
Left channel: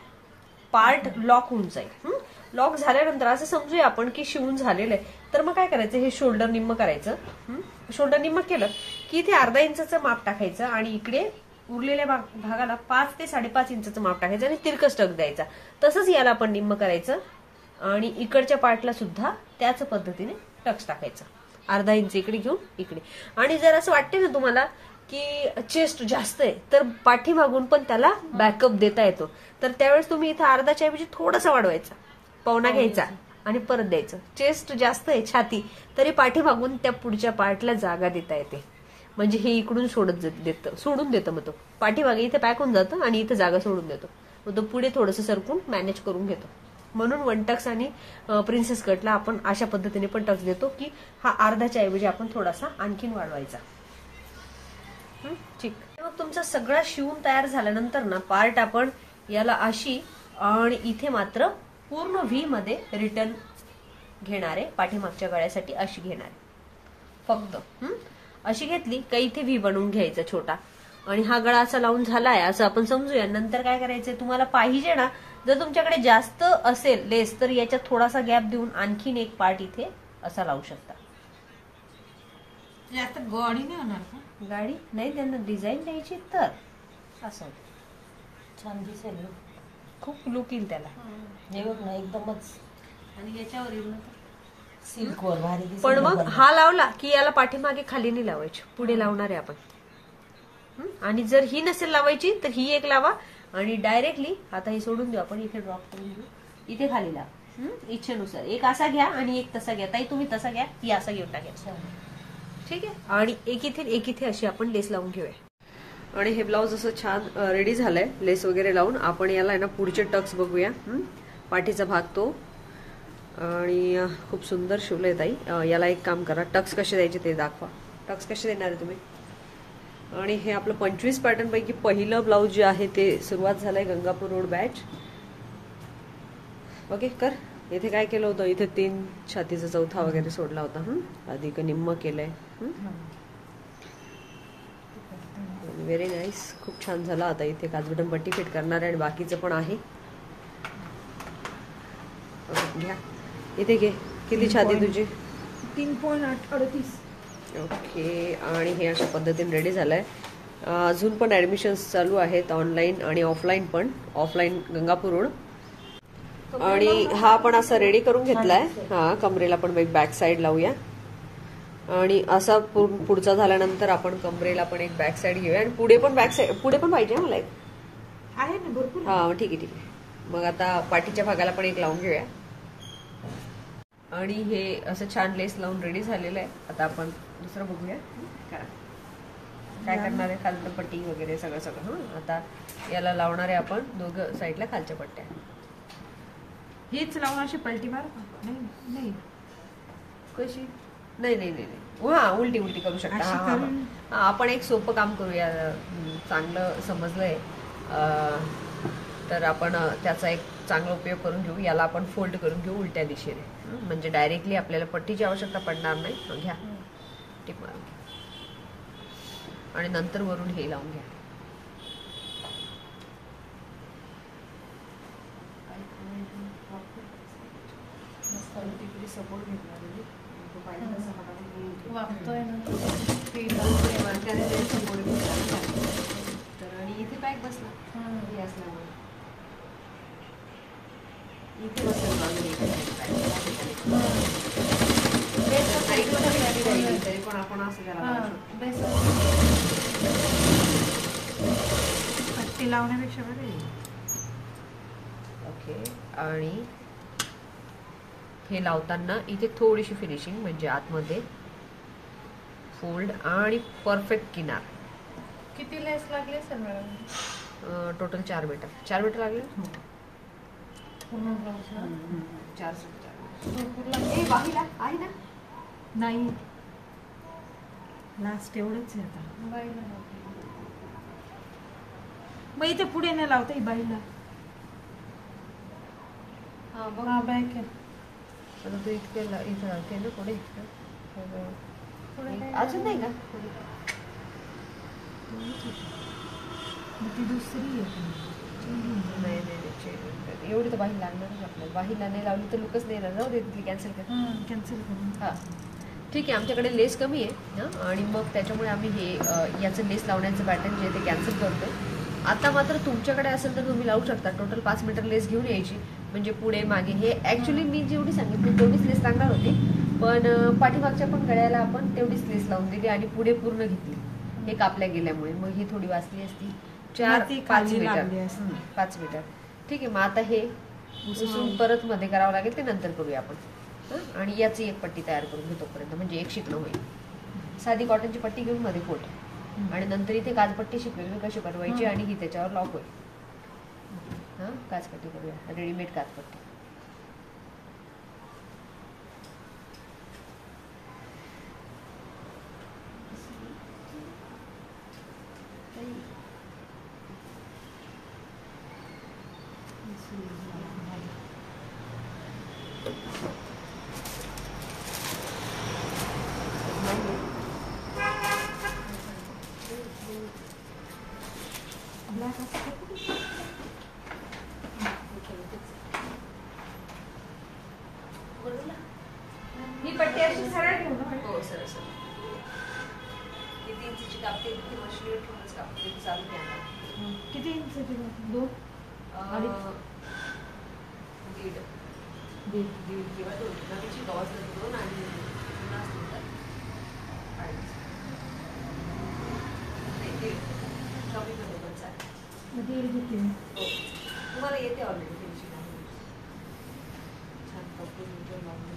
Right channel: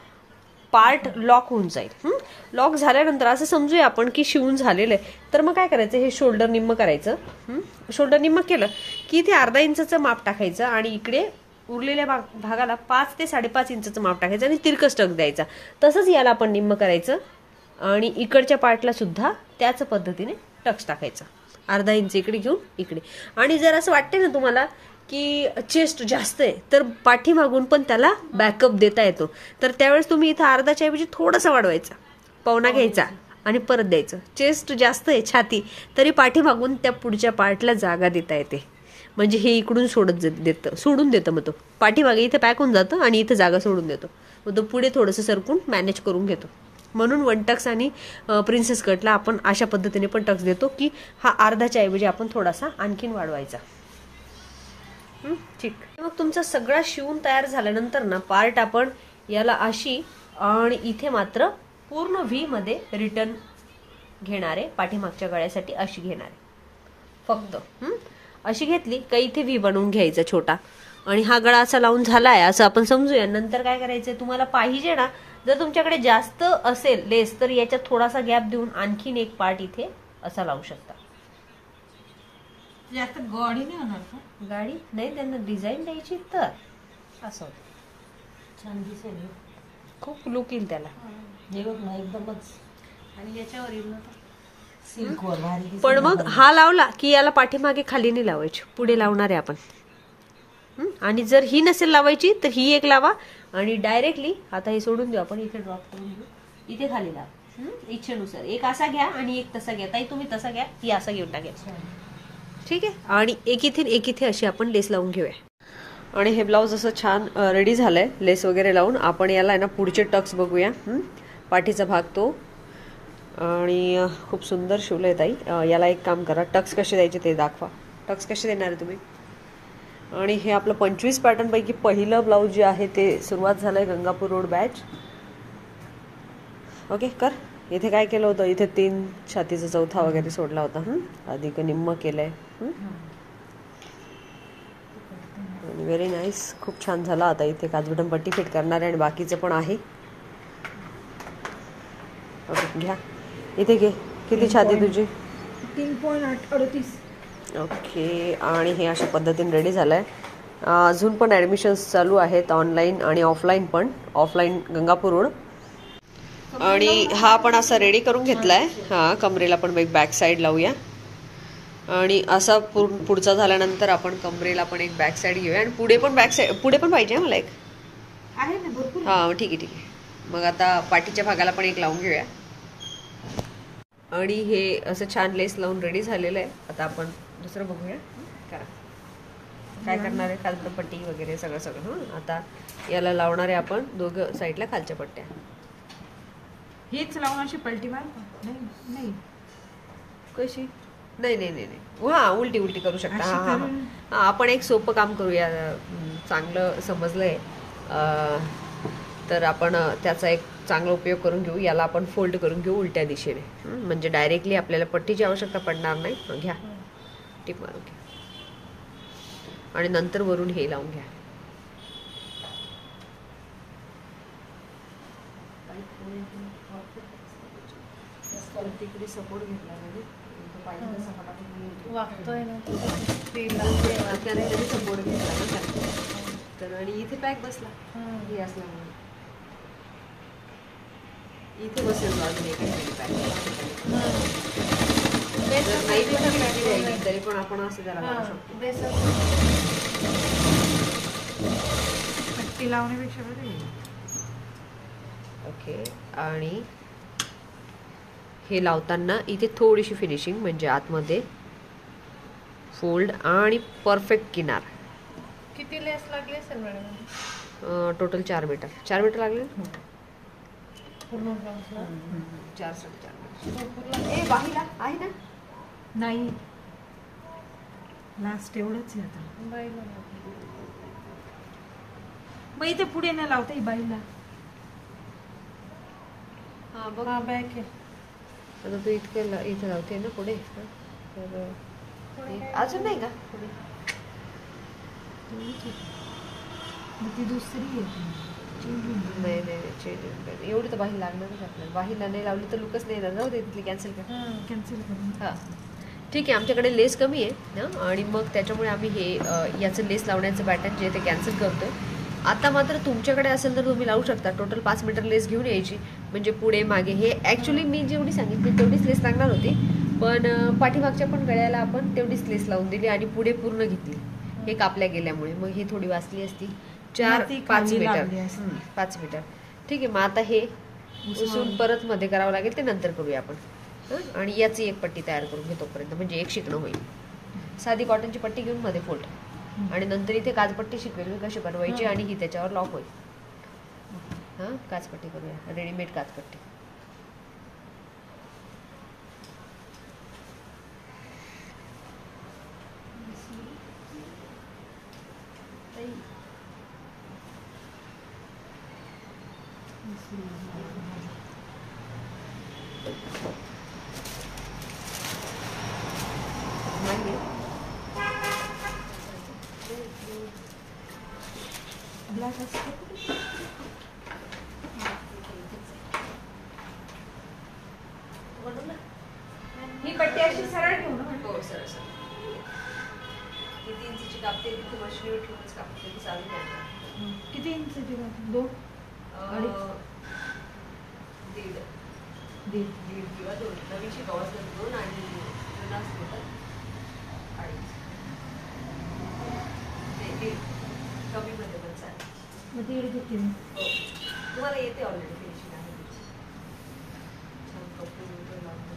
पार्ट लॉक होऊन जाईल. लॉक झाल्यानंतर असं समजूया आपण की शिवून झालेलं आहे. तर मग काय करायचं, हे शोल्डर निम्म करायचं. शोल्डर निम्म केलं की इथे अर्धा इंचचं माप टाकायचं आणि इकडे उरलेल्या भागाला 5 ते 5.5 इंचचं माप टाकायचं आणि तिरकस टक द्यायचा. तसंच याला आपण निम्म करायचं आणि इकडच्या पार्टला सुद्धा त्याच पद्धतीने टक्स टाकायचं. अर्धा इंच इकडे घेऊन इकडे. आणि जर असं वाटतंय ना तुम्हाला की चेस्ट जास्त आहे तर पाठीमागून पण त्याला बॅकअप देता येतो, तर त्यावेळेस तुम्ही इथं अर्धाच्या ऐवजी थोडासा वाढवायचा, पावणा घ्यायचा आणि परत द्यायचं. चेस्ट जास्त आहे छाती, तरी पाठीमागून त्या पुढच्या पार्टला जागा देता येते, म्हणजे हे इकडून सोडून देतं. मग तो पाठीमागे इथे पॅक होऊन जातं आणि इथं जागा सोडून देतो. मग तो पुढे थोडंसं सरकून मॅनेज करून घेतो. म्हणून वन टक्स आणि प्रिन्सेस कटला आपण अशा पद्धतीने पण टक्स देतो की हा अर्धाच्या ऐवजी आपण थोडासा आणखीन वाढवायचा. ठीक. मग तुमचा सगळा शिवून तयार झाल्यानंतर ना पार्ट आपण याला अशी आणि इथे मात्र पूर्ण व्ही मध्ये रिटर्न घेणारे, पाठीमागच्या गळ्यासाठी अशी घेणारे फक्त. अशी घेतली का इथे व्ही बनवून घ्यायचा छोटा आणि हा गळा असा लावून झालाय असं आपण समजूया. नंतर काय करायचंय, तुम्हाला पाहिजे ना जर तुमच्याकडे जास्त असेल लेस तर याच्यात थोडासा गॅप देऊन आणखीन एक पार्ट इथे असा लावू शकता. जास्त गाडी नाही होणार का? गाडी नाही, त्यांना डिझाईन द्यायची तर असं छान दिसेल, खूप लुक येईल त्याला. हे बघ ना एकदमच. आणि याच्यावर येईल ना सिल्क वर भारी दिसेल. पण मग हा लावला की याला पाठीमागे खाली नाही लावायची, पुढे लावणार आहे आपण. आणि जर ही नसेल लावायची तर ही एक लावा आणि डायरेक्टली आता हे सोडून देऊ आपण, इथे ड्रॉप करून घेऊ, इथे खाली लावा इच्छेनुसार. एक असा घ्या आणि एक तसा घ्या. ताई तुम्ही तसा घ्या, ती असा घेऊन टाकायचा. ठीक आहे. आणि एक इथे अशी आपण लेस लावून घेऊया. आणि हे ब्लाऊज असं छान रेडी झालंय लेस वगैरे लावून. आपण याला ना पुढचे टक्स बघूया. पाठीचा भाग तो आणि खूप सुंदर शिवलंय ताई. याला एक काम करा, टक्स कसे द्यायचे ते दाखवा. टक्स कसे देणार आहे तुम्ही? आणि हे आपलं 25 पॅटर्न पैकी पहिलं ब्लाऊज जे आहे ते सुरुवात झालंय गंगापूर रोड बॅच. ओके कर. इथे काय केलं होतं, इथे 3 छातीचा चौथा वगैरे सोडला होता. अधिक निम्म केलंय. व्हेरी नाईस, खूप छान झाला. आता इथे काजबटन पट्टी फिट करणार आहे आणि बाकीचं पण आहे. ओके घ्या, इथे घे. किती छाती तुझी? 3.38. ओके. आणि हे अशा पद्धतीने रेडी झालंय. अजून पण ऍडमिशन्स चालू आहेत, ऑनलाईन आणि ऑफलाईन पण. Offline Gangapur road. आणि हा आपण असा रेडी करून घेतलाय. हा कमरेला पण एक बॅक साईड लावूया आणि असा पुढचा झाल्यानंतर आपण कमरेला पण एक बॅक साईड घेऊया आणि पुढे पण बॅक साईड, पुढे पण पाहिजे मला एक आहे ना भरपूर. हा ठीक आहे. मग आता पाठीच्या भागाला पण एक लावून घेऊया. आणि हे असं छान लेस लावून रेडी झालेलं आहे. आता आपण दुसरं बघूया काय करणार आहे. काजपट्टी वगैरे सगळं. आता याला लावणार आहे आपण दोघं साईडला खालच्या पट्ट्या. हेच लावून अशी पलटी मारू का? नाही कशी? नाही. हा उलटी करू शकता. आपण एक सोपं काम करूया, चांगलं समजलंय तर आपण त्याचा एक चांगला उपयोग करून घेऊ. याला आपण फोल्ड करून घेऊ उलट्या दिशेने, म्हणजे डायरेक्टली आपल्याला पट्टीची आवश्यकता पडणार नाही. घ्या टिप मारून घ्या आणि नंतर वरून हे लावून घ्या. तिकडे सपोर्ट घेतला म्हणजे तो पाहिजे तसा फटाफट वागतोय ना सपोर्ट घेतला तर आणि इथे पॅक बसला हे असल्यामुळे इथे बसेल तरी पण आपण असं त्याला पट्टी लावण्यापेक्षा बरं आहे. ओके. आणि हे लावताना इथे थोडीशी फिनिशिंग म्हणजे आतमध्ये फोल्ड आणि परफेक्ट किनार. किती लेस लागली असेल मॅडम? Total 4 metre. 4 मीटर लागले पूर्ण ब्लाउजला 4-4.5 मीटर. बाहीला आहे ना? नाही लास्ट एवढंच आहे आता. मग इथे पुढे नाही लावता बाईला. हा बघ हा बॅक आहे. आता तू इथे लावते ना पुढे अजून नाही का? मग ती दुसरी आहे. नाही चेंज एवढी तर बाही लागणारच आपल्याला. बाहीला नाही लावली तर लुकच नाही येणार. जाऊ दे तिथली कॅन्सल कर. कॅन्सल करून. हां ठीक आहे. आमच्याकडे लेस कमी आहे ना आणि मग त्याच्यामुळे आम्ही हे याचं लेस लावण्याचं पॅटर्न जे आहे ते कॅन्सल करतोय. आता मात्र तुमच्याकडे असेल तर तुम्ही लावू शकता. टोटल 5 मीटर लेस घेऊन यायची म्हणजे पुढे मागे हे ऍक्च्युली मी जेवढी सांगितली तेवढीच लेस लागणार होती पण पाठीमागच्या पण गळ्याला आपण तेवढीच लेस लावून दिली आणि पुढे पूर्ण घेतली. हे कापल्या गेल्यामुळे मग ही थोडी वाचली असती. 4-5 मीटर 5 मीटर ठीक आहे. मग आता हे उसून परत मध्ये करावं लागेल ते नंतर करूया आपण. आणि याची एक पट्टी तयार करून घेतो पर्यंत म्हणजे एक शिकणं होईल. साधी कॉटनची पट्टी घेऊन मध्ये फोल्ड आणि नंतर इथे काचपट्टी शिकवेल कशी बनवायची आणि ही त्याच्यावर लॉक होईल. हा काचपट्टी करूया. रेडीमेड काचपट्टी. ही पट्टी अशी सरळ ठेवू ना. हो सरळ किती इंचची कापते तिथे मशिनीवर ठेवूनच कापते चालू नाही. किती इंचची? 2 दीड किंवा 2 नवीनची गवस 2 आणि पुन्हा कमी मध्ये पण चालेल. मग ती घेते मी. तुम्हाला येते ऑलरेडी फिनिशिंग आहे. छान कपूर वगैरे लावून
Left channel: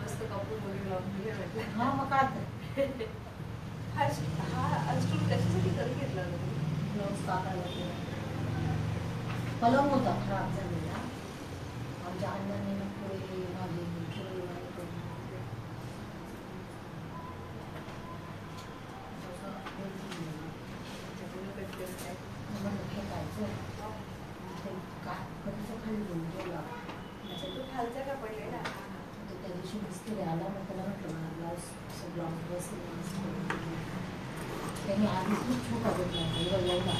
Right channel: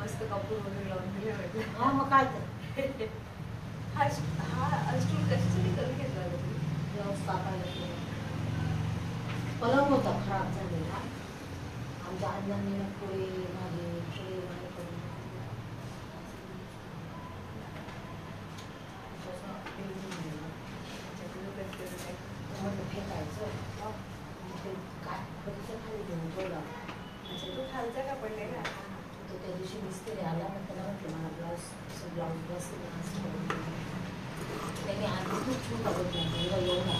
मस्त कपूर वगैरे लावून दिले म्हटलं. मग काय तर हा स्टूल कशासाठी करून घेतला तुम्ही? व्यवस्था पलंग होता खराब झालेला. आमच्या अण्णांनी पुढे मागे खालचा का पडलेला त्या दिवशी मिस्त्री आला मग त्याला म्हटलं मला ब्लाऊज ड्रेस त्यांनी आधी खूप छोटा बघितला एवढा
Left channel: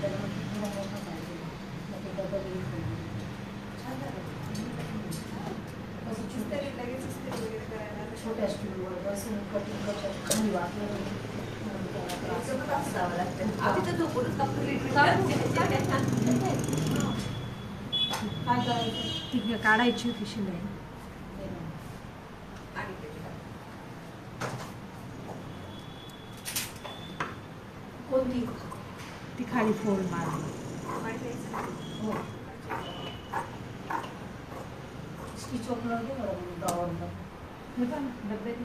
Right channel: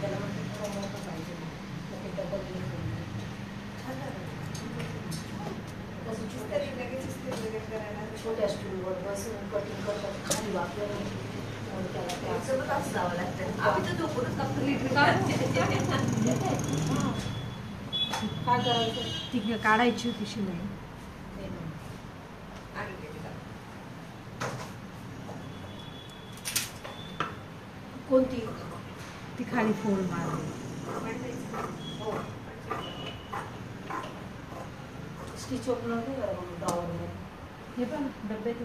त्याला म्हटलं थोडा मोठा पाहिजे मग ते डबल छान झालं. तसं लगेच छोट्या स्टूलवर बसून कटिंग करतात खाली वापरून आम्ही तर झोपूनच काय करायचं ती काढायची होती शिलाई. कोणती ती खाली फोल्ड मारली. हो स्टिच ओपनर नाही बरोबर ड्रॉवरवर. हे पण डब्यात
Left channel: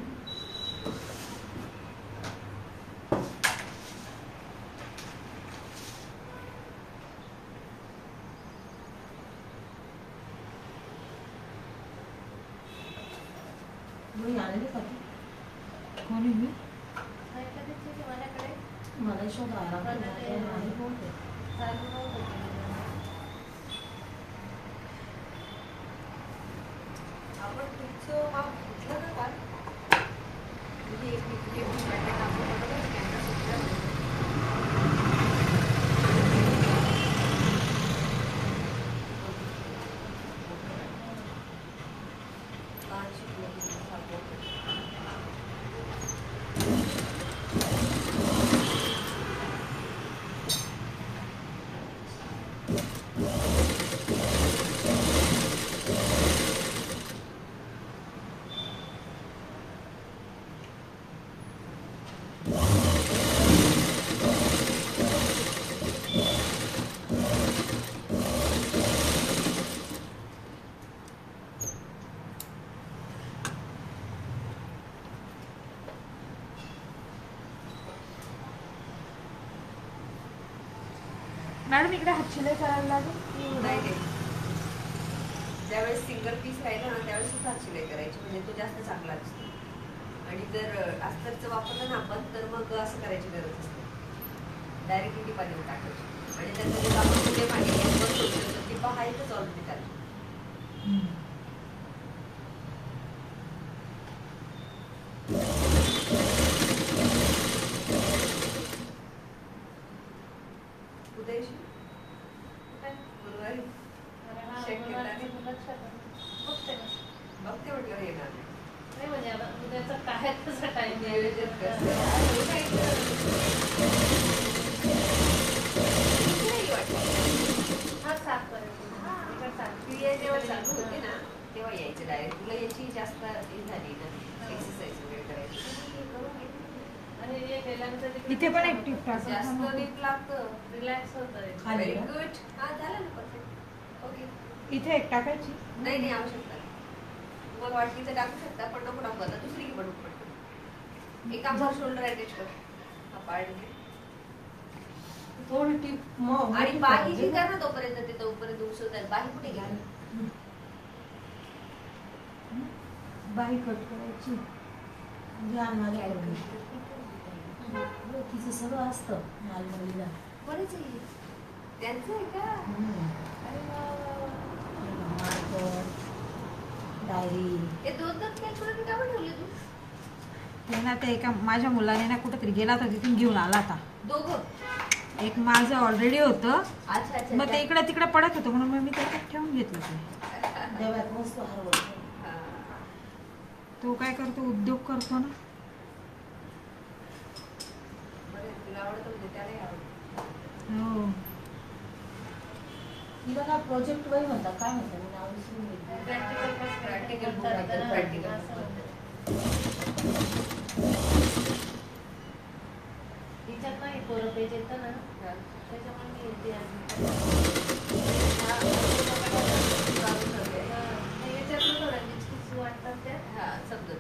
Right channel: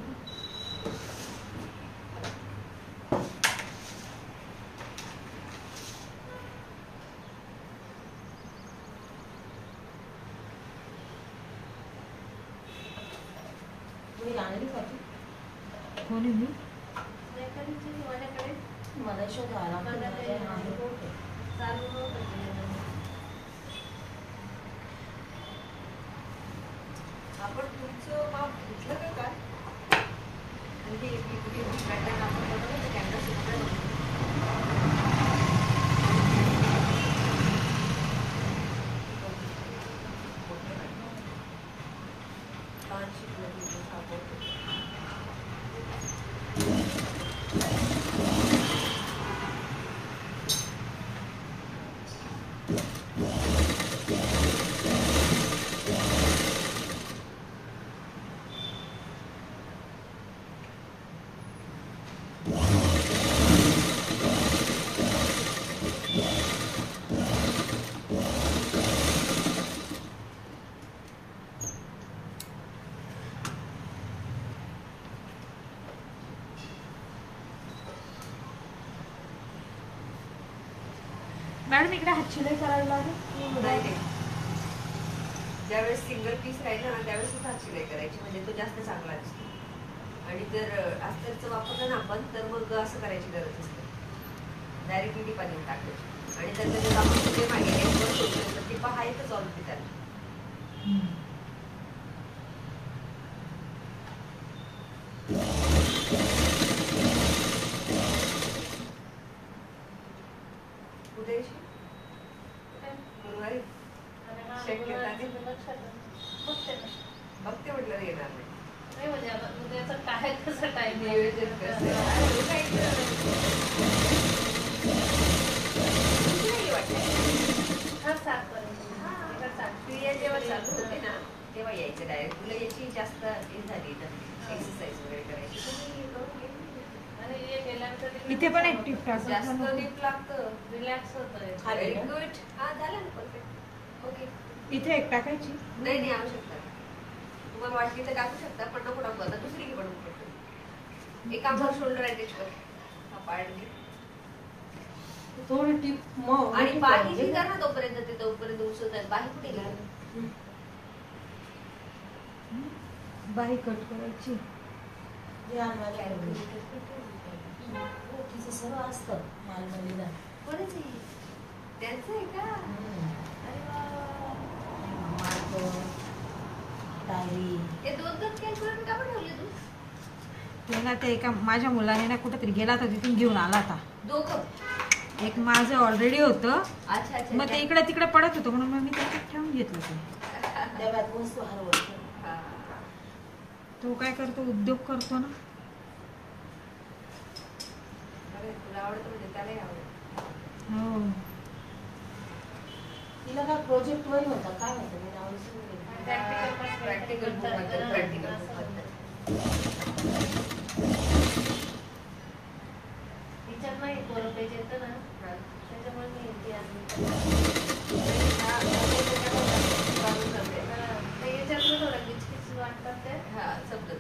मी आणली का कोणी मी माझ्याकडे मला शोधायला नाही बोलते. आपण तुमचं माप घेतलं का काय? मॅडम इकडे हात शिलाई करावी लागेल. नाही. ज्यावेळेस सिंगल पीस राहिला ना त्यावेळेस हात शिलाई करायची म्हणजे तो जास्त चांगला दिसतो. आणि जर अस्तरचं वापरलं ना आपण तर मग असं करायची गरज असते. डायरेक्टली टिपा देऊन टाकायची आणि त्याचं जे आपण जे मागे टिपा आहेतच ऑलरेडी त्याला. कुठे गुरुवारी बघते म्हटलं येणार नाही म्हणजे आता उद्याचं काय तसं टाइम क्रिया जेव्हा चालू होते ना तेव्हा यायचं डायरेक्ट. तुला याची जास्त हे झाली ना एक्सरसाइज वगैरे करायची. इथे पण एक टिप टाक. जास्त टीप लागतं. रिलॅक्स होतं. Very good. हा झालं ना परफेक्ट. ओके. इथे एक टाकायची. नाही आवश्यकता तुम्हाला वाटली तर टाकू शकता पण नको टाकू. आता दुसरी की बनवू पडतो. एक आमचा शोल्डर अटॅच कर. हा पाडली थोडी टीप मग आणि बाही जी कर ना तोपर्यंत ते तोपर्यंत उसळत आहे. बाही कुठे गेली? बाही कट करायची. तिचं सगळं असतं मालमणीला. बरंच आहे. त्यांचं आहे का? डायरी हे दोन कॅल्क्युलेटर का बनवले तू? ते ना ते एका माझ्या मुलाने ना कुठेतरी गेला होता तिथून घेऊन आला होता. दोघं? एक माझं ऑलरेडी होतं. अच्छा अच्छा. मग ते इकडे तिकडे पडत होतं म्हणून मग मी त्याच्यात ठेवून घेतलं ते. देवात वस्तू हरवत. तो काय करतो उद्योग करतो ना. तुला आवडतं म्हणजे त्यालाही आवडतं. हो. तिला काय प्रोजेक्ट वही म्हणतात काय म्हणतात मी नाव विसरून गेले. प्रॅक्टिकल टीचर नाही पोरं पेज येतं ना त्याच्यामुळे याच्यातून थोडं किचकिच वाटतात ते. हा समजत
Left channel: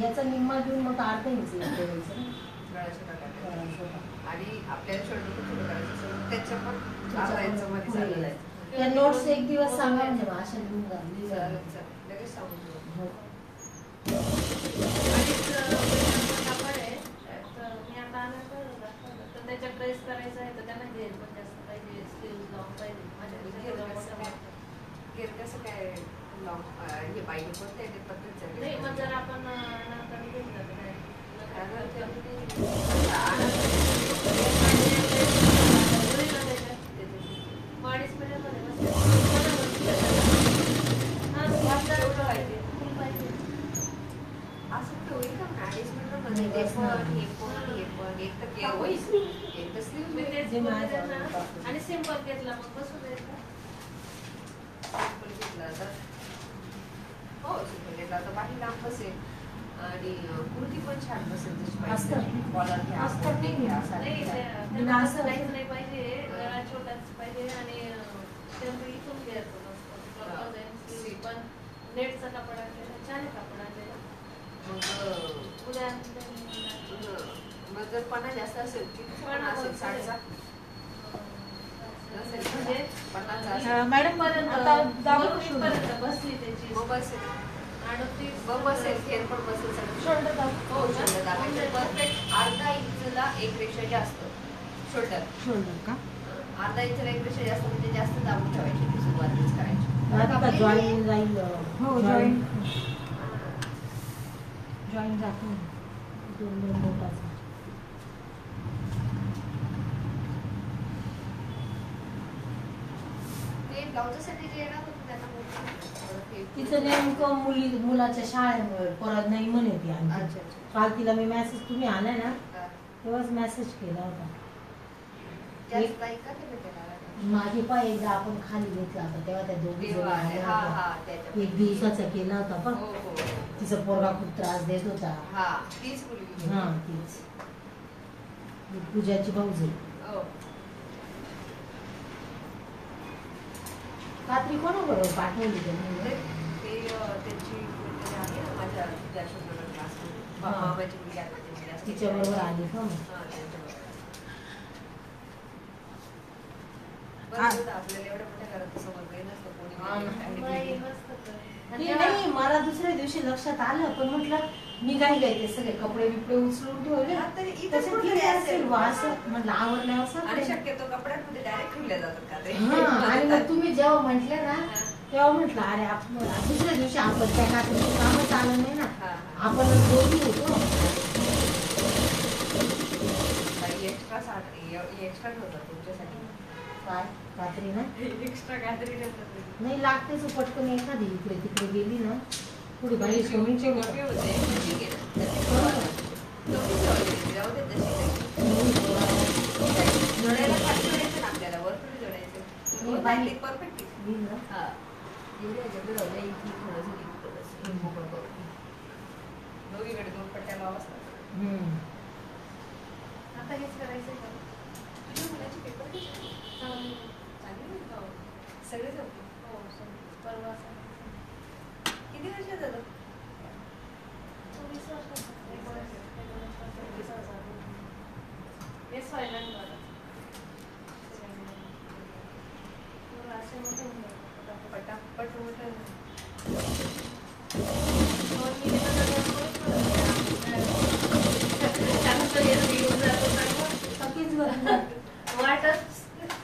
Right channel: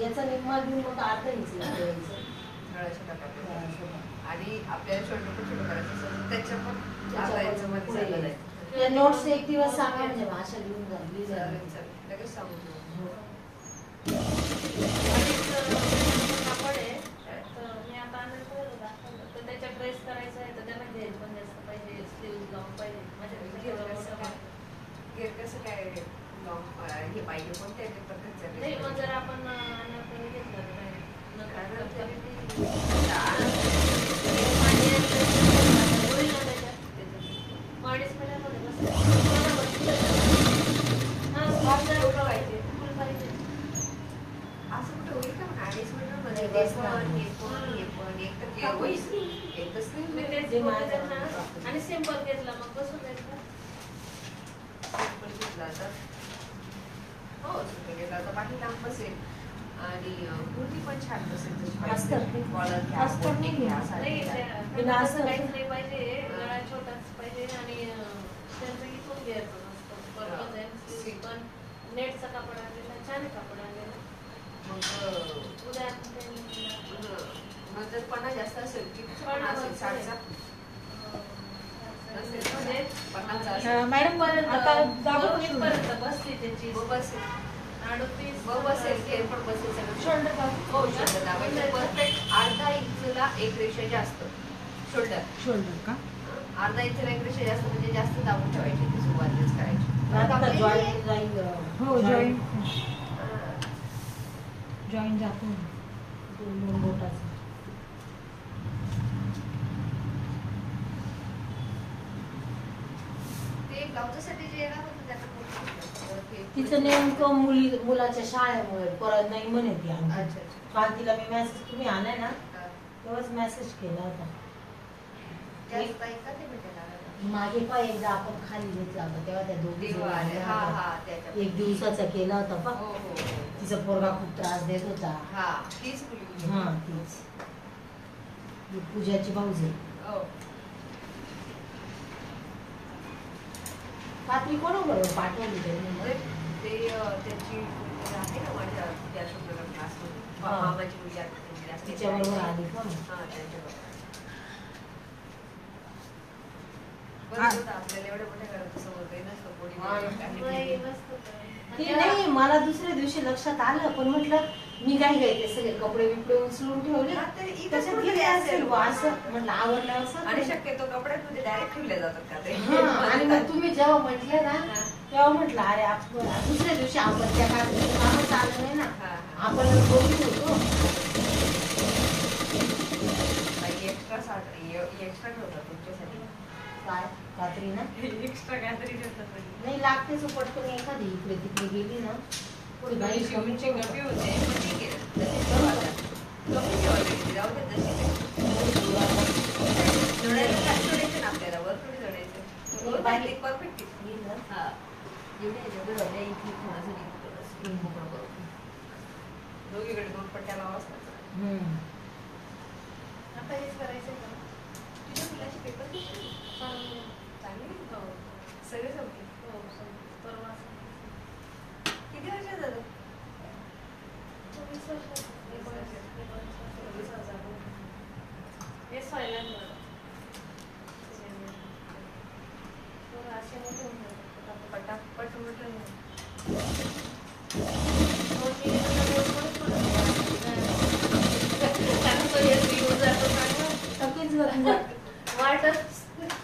याचा निम्मा देऊन मग अर्थ आणि आपल्याला छोटं छोटं करायचं असेल त्याच्या पण अर्धा मध्ये झालेलं आहे. त्या नोट्स एक दिवस सांगा म्हणजे भाषा लिहून झाली लगेच सांगू. तर त्याच्या ड्रेस करायचा आहे तर त्यांना घेर पण जास्त पाहिजे. स्लीव्ह लॉंग पाहिजे. घेर कसं काय लॉंग हे पाहिजे कोणत्या पद्धत नाही पण जर आपण अनारकली घेतला अडीच महिन्यामध्ये असं कुठं होईल का म्हणा 2.5 मिनिटांमध्ये ते पण एक तर आणि सिंपल घेतला मग बसून द्यायचा. सिंपल घेतला तर हो सिंपल घेतला तर बाकी लांब बसेल आणि कुर्ती पण छान बसेल. तशी कॉलर काहीच नाही पाहिजे. गळा छोटाच पाहिजे आणि इथून घ्यायचं मस्त पण नेटचा कापड आणलेला छान कापड आणलेला. उद्या मग जर पणा जास्त असेल की असेल 60चा मॅडम आता बसली त्याची बसेल खेळ पण बसेल सगळं. शोल्डर दाबायचं परफेक्ट. अर्धा इंचला एक रेषा जास्त शोल्डर का अर्धा इंचला एक रेषा जास्त म्हणजे जास्त दाबून ठेवायची. ती सुरुवातच करायची. हो जॉईन जातो. ते ब्लाउजसाठी जे येणार होतं त्यांना तिचं नेमकं मुलाच्या शाळेमुळे परत नाही म्हणे ती. अच्छा काल तिला मी मेसेज तुम्ही आलाय ना तेव्हाच मेसेज केला होता. मागे पण एकदा आपण खाली घेतला होता तेव्हा त्या दोघी एक दिवसाचा केला होता पण तिचा पोरगा खूप त्रास देत होता. हा तीच पूजाची भाऊजी. कात्री कोणाबरोबर पाठवली त्यांनी मग? ते त्यांची कोणतरी आहे ना माझ्या अशोकनगर क्लासमध्ये मामाची मुलगी आहे त्यांची class teacher तिच्याबरोबर आहे. आली का मग? हा, त्यांच्याबरोबर. बरं होतं, आपल्याला एवढ्या मोठ्या घरात समोर काही नसतं कोणी नाही, नसतं तर. आणि ते नाही मला दुसऱ्या दिवशी लक्षात आलं पण म्हटलं मी काय ते सगळे कपडे बिपडे उचलून ठेवले हा, तरी इथं त्याच्यात कुठे गेले असेल असेल बा. असं म्हटलं आवडलं असं आणि शक्यतो कपड्यांमध्ये डायरेक्ट ठेवले जातात का ते हा, आणि मग तुम्ही जेव्हा म्हटले ना तेव्हा म्हटलं अरे आपण दुसऱ्या दिवशी आपण त्या कात्रीचं कामच आलं नाही ना हा. आपण दोघी होतो एक्स्ट्रा ठेवतात तुमच्यासाठी काय कात्री ना एक्स्ट्रा काहीतरी ठेवतात नाही लागतेच पटकन एखादी इकडे तिकडे गेली ना थोडी बाई कमी तुमची गप्पी होते ठीक आहे ना. कमी ठेवायची, जाऊ दे तशी. जोडायला खाली जोडायचं ना आपल्याला, वर थोडी जोडायचं. वर बांधली perfect आहे. हा. एवढी ह्याच्यात जोडल्या इथे थोडंसं इथे थोडंसं मोकळं करून. दोघीकडे 2 पट्ट्या लावाव्याच लागतात. आता हेच करायचं का? तुझ्या मुलाचे पेपर किती? चांगले आहेत का? सगळे जमते. परवा किती वर्ष झालं? 24 वर्षाचा. 20,000. हेच व्हायला नाही मला. तो राशी मोठं होऊन गेला. पटापट उलटं.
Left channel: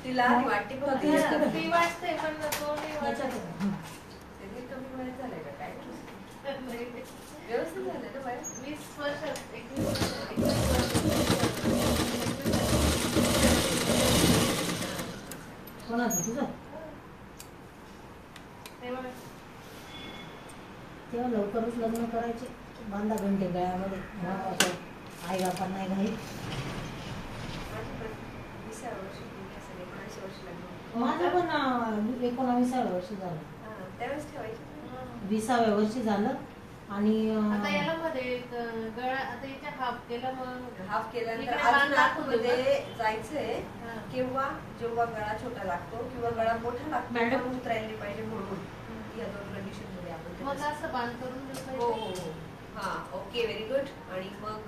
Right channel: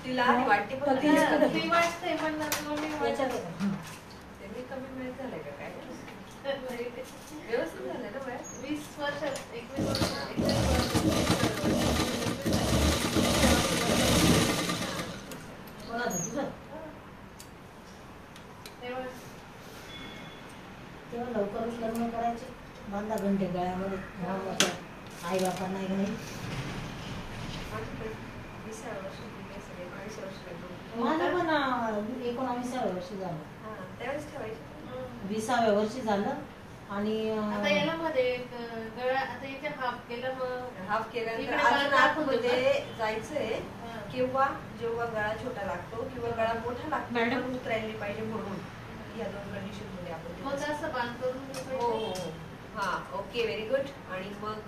तिला वाटते पण फी वाटते पण त्यांनी कमी वेळेत झालंय का काय व्यवस्थित झालंय ना बाया 20 वर्षात 21 वर्षात कोणाचं तुझं तेव्हा लवकरच लग्न करायचे बांधा घंटे गळ्यामध्ये आई बापांना नाही घाई माझं पण 19व्या वर्षी झालं त्यावेळेस ठेवायची 20व्या वर्षी झालं आणि आता याला मध्ये गळा आता इथे हाफ केलं मग हाफ केल्यानंतर इकडे अजून बांधा आतमध्ये जायचंय हा. किंवा जेव्हा गळा छोटा लागतो किंवा गळा मोठा लागतो मॅडम. पण उतरायला पाहिजे म्हणून या 2 कंडिशन मध्ये आपण ते मग तसं- असं बांध करून देऊ हो पाहिजे. हो हो हा ओके व्हेरी गुड आणि मग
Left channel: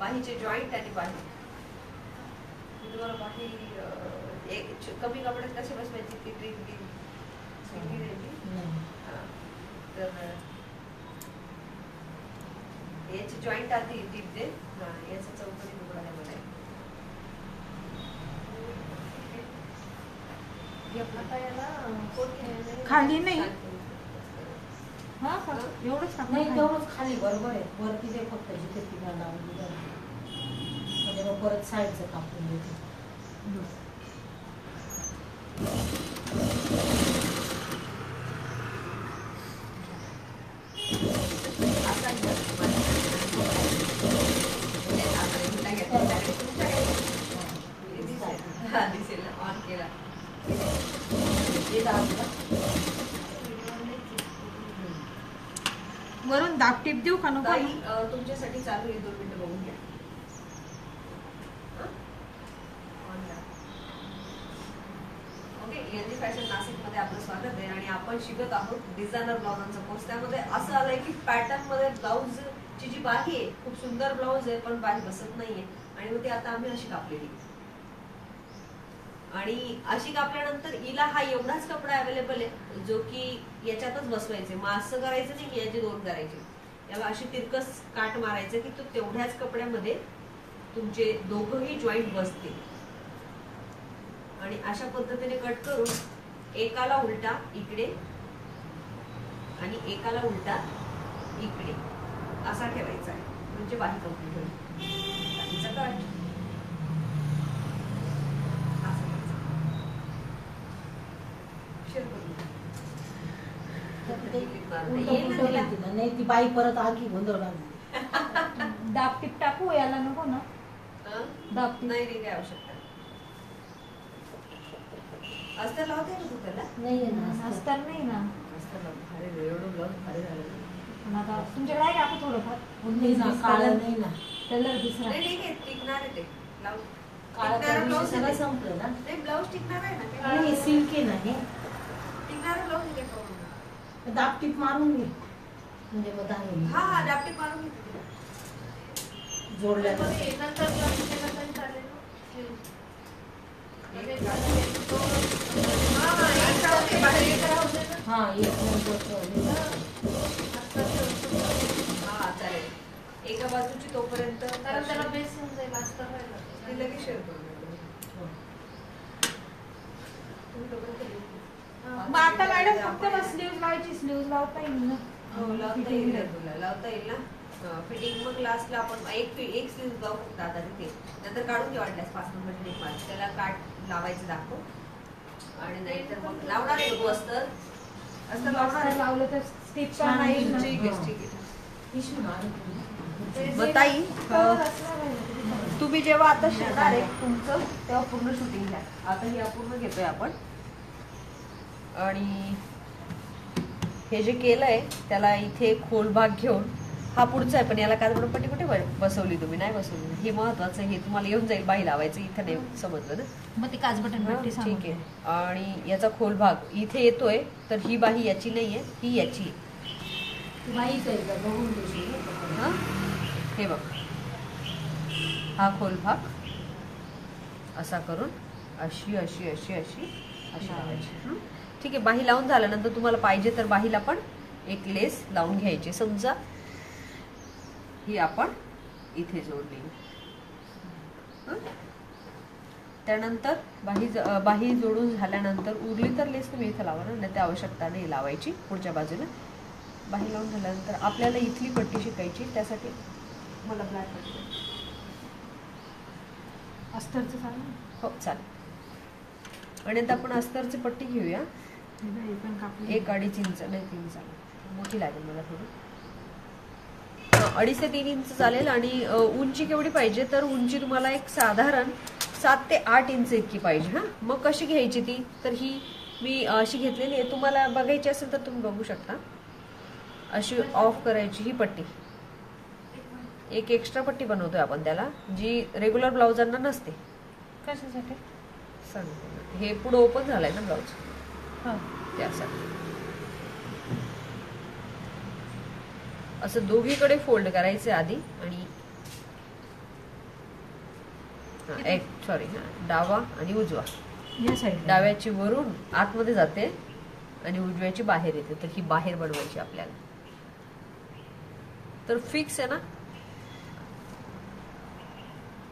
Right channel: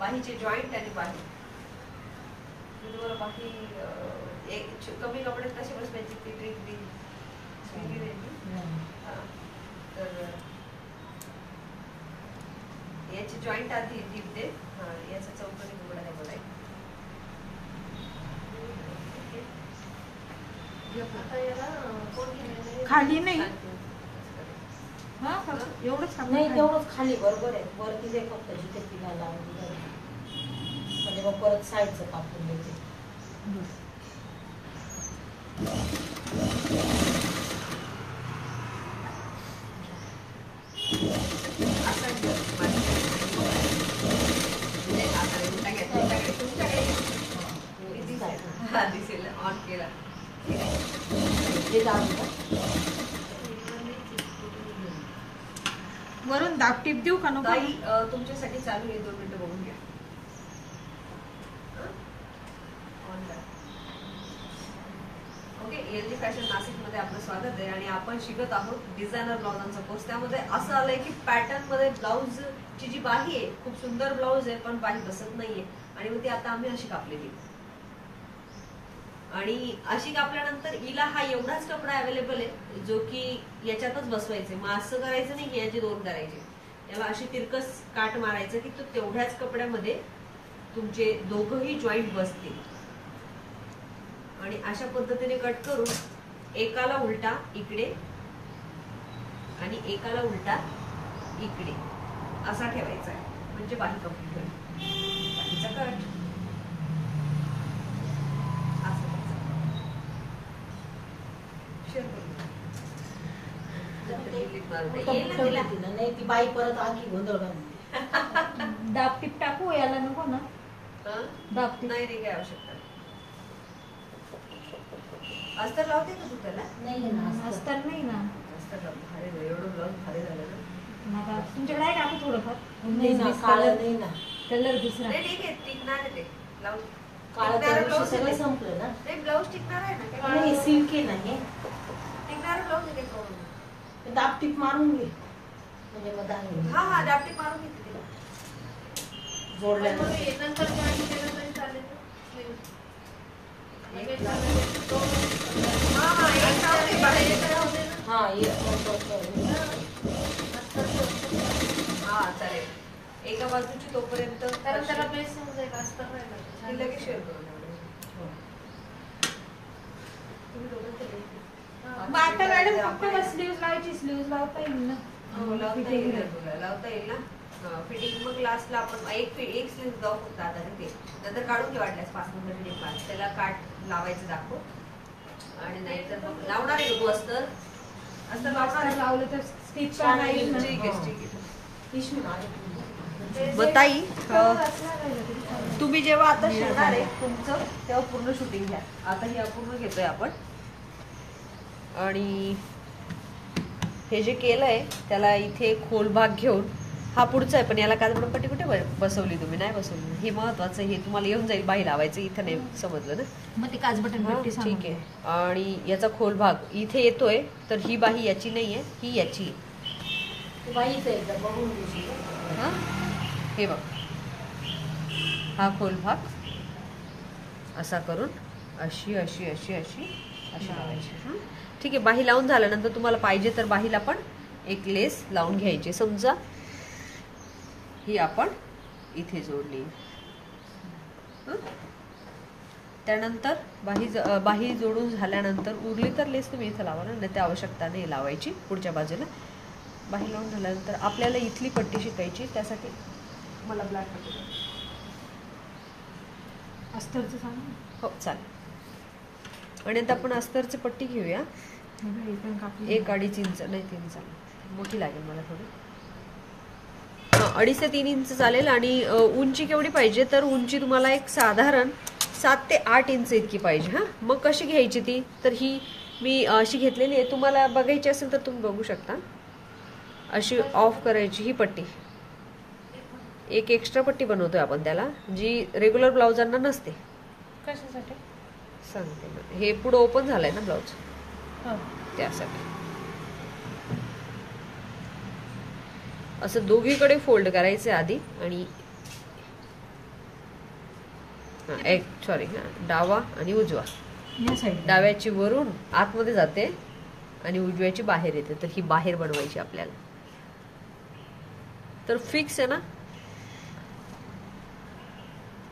बाहीचे जॉईंट आणि बाही मी तुम्हाला बाही कमी कपड्यात कसे बसवायची ती ट्रिक दिली तर याची जॉईंट आधी टीप दे याचा चौकोनी तुकडा करायचा आता याला कोण घेणार खाली नाही हा एवढंच नाही तेवढंच खाली बरोबर आहे वर तिथे फक्त जिथे पिना लावून म्हणजे मग परत साईडचं कापून देते दिसेल ना ऑन केला वरून दाबटीप देऊ का नको ताई, तुमच्यासाठी चालू आहे 2 मिनिटं बघून घ्या ओके एनजी फॅशन नाशिक मध्ये आपलं स्वागत आहे आणि आपण शिकत आहोत डिझायनर ब्लाउजांचा कोर्स त्यामध्ये असं आलंय की पॅटर्न मध्ये ब्लाउज ची जी बाही आहे खूप सुंदर ब्लाउज आहे पण बाही बसत नाहीये आणि मग ती आता आम्ही अशी कापलेली आणि अशी कापल्यानंतर हिला हा एवढाच कपडा अवेलेबल आहे जो की याच्यातच बसवायचे मग असं करायचं नाही की याचे 2 करायचे याला अशी तिरकस काट मारायचं की तो तेवढ्याच कपड्यामध्ये तुमचे दोघंही जॉईंट बसतील आणि अशा पद्धतीने कट करून एकाला उलटा इकडे आणि एकाला उलटा इकडे असा ठेवायचा आहे म्हणजे बाही कंप्लीट होईल बाहीचा कट नाही ती बाई परत आखी गोंधळ बांधली दाबटीप टाकू याला नको ना दाबटीप नाही काय आवश्यकता अस्तर लावते का तू त्याला नाही ना अस्तर नाही ना अस्तर लाव भारी एवढं ब्लाउज भारी झालं ना नका तुमच्याकडे आहे का आपण थोडंफार नाही ना काळं नाही ना कलर दुसरा नाही ठीक आहे टिकणार आहे ते लावू काळं त्या दिवशी सगळं संपलं ना. ब्लाऊज टिकणार आहे ना नाही सिल्क आहे ना हे. टिकणार ब्लाऊज आहे का? दाब टीप मारून घे म्हणजे मग धागे हा दापटीप मारून घेते जोडल्या नंतर जॉईन केलं तरी चालेल. हा एक हा चालेल. एका बाजूची तोपर्यंत कारण त्याला बेस होऊन जाईल अस्तर नाही लागत. ती लगेच शेअर करून द्या. मग आता मॅडम फक्त स्लीव्ह लावायची स्लीव्ह लावता येईल ना. लावता येईल ना तुला, लावता येईल ना. फिटिंग मग लास्टला आपण एक स्लीव जाऊ फक्त आता ते नंतर काढून घे वाटल्यास 5 नंबर टेप मार त्याला काट लावायचं दाखव. आणि नाहीतर मग लावणार आहे तू अस्तर लावणार आहे. लावलं तर स्टिच पण नाही ना. ठीक आहे ठीक आहे. पिशवी मार. मग ताई कलर असला नाही ना तरी चालेल. तुम्ही जेव्हा आता शिकणार आहे तुमचं तेव्हा पूर्ण शूटिंग घ्या. आता हे अपूर्ण घेतोय आपण. आणि हे जे केलंय त्याला इथे खोल भाग घेऊन हा पुढचा आहे पण याला काजबडपट्टी कुठे बसवली तुम्ही? नाही बसवली. हे महत्वाचं, हे तुम्हाला येऊन जाईल बाही लावायचं. इथे नाही समजलं ना. मग ती काजबटन पट्टी ठीक आहे. आणि याचा खोल भाग इथे येतोय तर ही बाही याची नाहीये, ही याची आहे. तू बाईच आहे का बघून घे. हे बघ हा खोल भाग असा करून अशी अशी अशी अशी अशी लावायची. ठीक आहे. बाही लावून झाल्यानंतर तुम्हाला पाहिजे तर बाहीला पण एक लेस लावून घ्यायची. समजा ही आपण इथे जोडली. त्यानंतर बाही जोडून झाल्यानंतर उरली तर लेस तुम्ही इथे लावा ना, नाही ते आवश्यकता नाही लावायची. पुढच्या बाजूला बाही लावून झाल्यानंतर आपल्याला इथली पट्टी शिकायची. त्यासाठी मला ब्लॅक पट्टी अस्तरचं सांग. हो चालेल. आणि आता आपण अस्तरची पट्टी घेऊया. 1-2.5 इंच नाही 3 चालेल. मोठी लागेल मला थोडी. 2.5 ते 3 इंच चालेल. आणि उंची केवढी पाहिजे तर उंची तुम्हाला एक साधारण 7 ते 8 इंच इतकी पाहिजे. हा मग कशी घ्यायची ती तर ही मी अशी घेतलेली आहे. तुम्हाला बघायची असेल तर तुम्ही बघू शकता. अशी ऑफ करायची ही पट्टी. एक एक्स्ट्रा पट्टी बनवतोय आपण त्याला जी रेग्युलर ब्लाउजांना नसते. कशासाठी सांगते ना. हे पुढे ओपन झालंय ना ब्लाउज त्यासाठी. असं दोघीकडे फोल्ड करायचे आधी. आणि डावा आणि उजवा. या साईड डाव्याची वरून आतमध्ये जाते आणि उजव्याची बाहेर येते. तर ही बाहेर बनवायची आपल्याला. तर फिक्स आहे ना.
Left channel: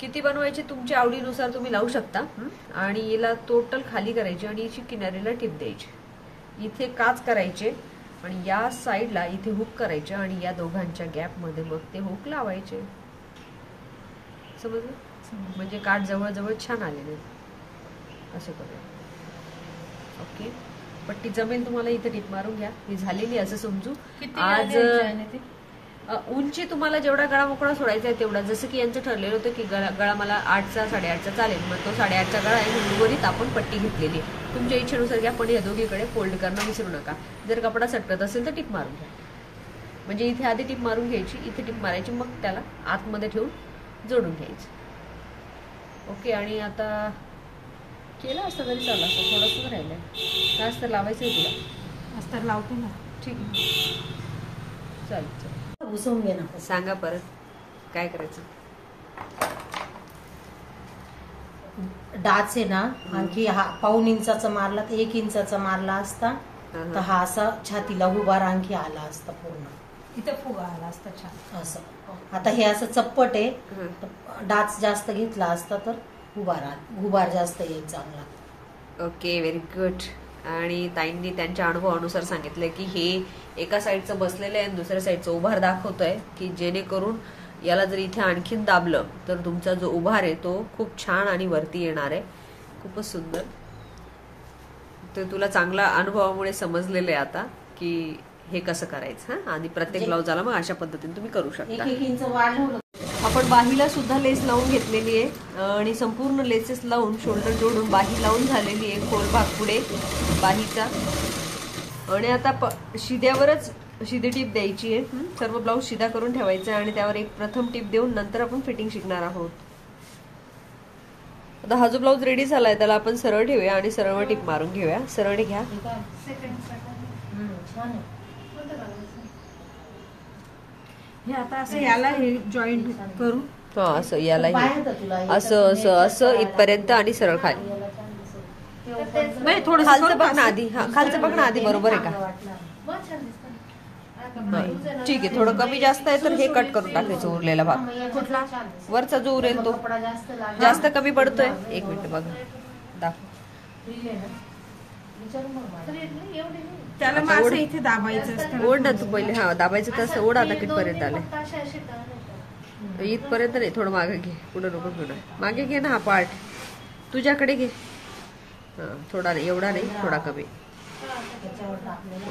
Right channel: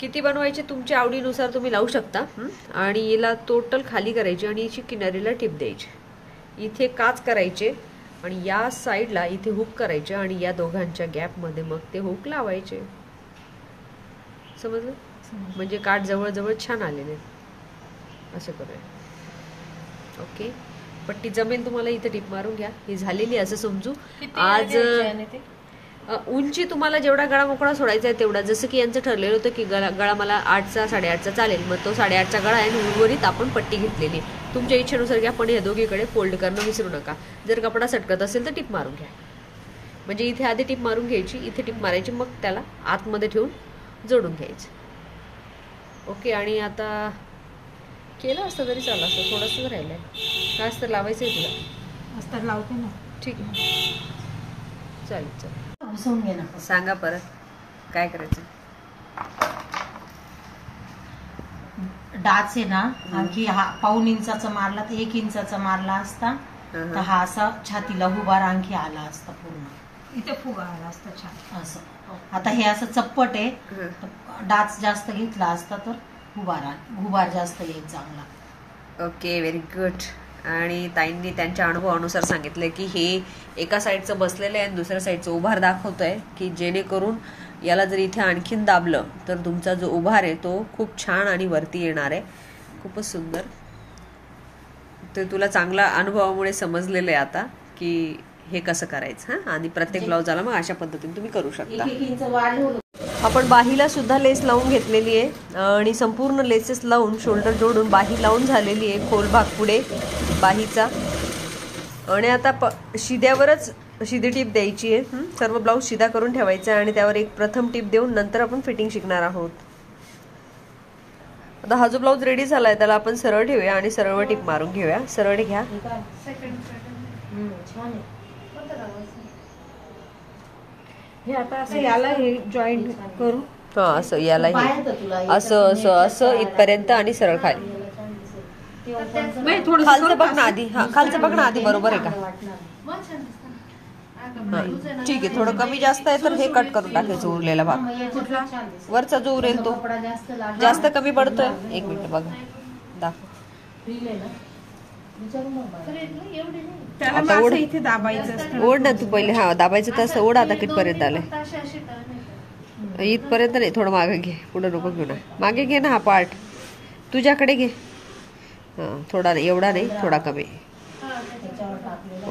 किती बनवायचे तुमच्या आवडीनुसार तुम्ही लावू शकता. आणि याला टोटल खाली करायची आणि याची किनारीला टिप द्यायची. इथे काच करायचे आणि या साईडला इथे हुक करायचे आणि या दोघांच्या गॅप मध्ये मग ते हुक लावायचे. समजलं? म्हणजे काठ जवळ छान आलेले असे करूया. ओके. पट्टी जमेल तुम्हाला. इथे टिप मारून घ्या. ही झालेली असं समजू. आज उंची तुम्हाला जेवढा गळा मोकळा सोडायचा आहे तेवढा. जसं की यांचं ठरलेलं होतं की गळा मला 8चा 8.5चा चालेल. मग तो 8.5चा गळा आहे आणि उर्वरित आपण पट्टी घेतलेली. तुमच्या इच्छेनुसार घ्या पण या दोघीकडे फोल्ड करणं विसरू नका. जर कपडा सटकत असेल तर टिप मारून घ्या. म्हणजे इथे आधी टिप मारून घ्यायची, इथे टिप मारायची, मग त्याला आतमध्ये ठेवून जोडून घ्यायचं. ओके. आणि आता केलं असतं तरी चाललं असतं. थोडंसं राहिलंय. काय असतं लावायचंय तुला? अस्तर लावते ना. ठीक आहे चालेल चालेल. घुसवून घे ना. सांगा परत काय करायचं. डाच आहे ना आणखी हा 1.5 इंचाचा मारला तर 1 इंचाचा मारला असता तर हा असा छातीला उभार आणखी आला असता पूर्ण. इथे फुगा आला असता छान असं. आता हे असं चप्पट आहे. डाच जास्त घेतला असता तर उभार जास्त येईल चांगला. Okay very good. आणि ताईंनी त्यांच्या अनुभवानुसार सांगितलं की हे एका साईडचं बसलेलं आहे आणि दुसऱ्या साईडचं उभार दाखवतोय की जेणेकरून याला जर इथे आणखीन दाबलं तर तुमचा जो उभार आहे तो खूप छान आणि वरती येणार आहे. खूपच सुंदर. तर तुला चांगला अनुभवामुळे समजलेलं आहे आता की हे कसं करायचं. आणि प्रत्येक ब्लाउजाला मग अशा पद्धतीने तुम्ही करू शकता. 1 इंच वाढवलं. आपण बाहीला सुद्धा लेस लावून घेतलेली आहे आणि संपूर्ण लेसेस लावून शोल्डर जोडून बाही लावून झालेली आहे. खोल भाग पुढे बाहीचा. आणि आता शिद्यावरच शिदी टीप द्यायची आहे. सर्व ब्लाऊज शिदा करून ठेवायचा आणि त्यावर एक प्रथम टीप देऊन नंतर आपण फिटिंग शिकणार आहोत. आता हा जो ब्लाऊज रेडी झालाय त्याला आपण सरळ ठेवूया आणि सरळ टिप मारून घेऊया. सरळ घ्या. छान आहे. हे आता असं याला हे जॉईंट करू. हा असं याला असं असं असं इथपर्यंत आणि सरळ खाली. नाही थोडं खालचं बघ ना आधी. हा खालचं बघ ना आधी. बरोबर आहे का? हा ठीक आहे. थोडं कमी जास्त आहे तर हे कट करून टाकायचं उरलेला भाग. वरचा जो उरेल तो जास्त कमी पडतोय. एक मिनिट बघा दाखव. त्याला मग असं इथे दाबायचं. ओढ ना तू पहिले. हा दाबायचं तसं ओढ. आता कितपर्यंत आलंय? इथपर्यंत नाही. थोडं मागे घे. पुढे नको घेऊ ना. मागे घे ना हा पार्ट. तुझ्याकडे घे. हा थोडा नाही. एवढा नाही. थोडा कमी.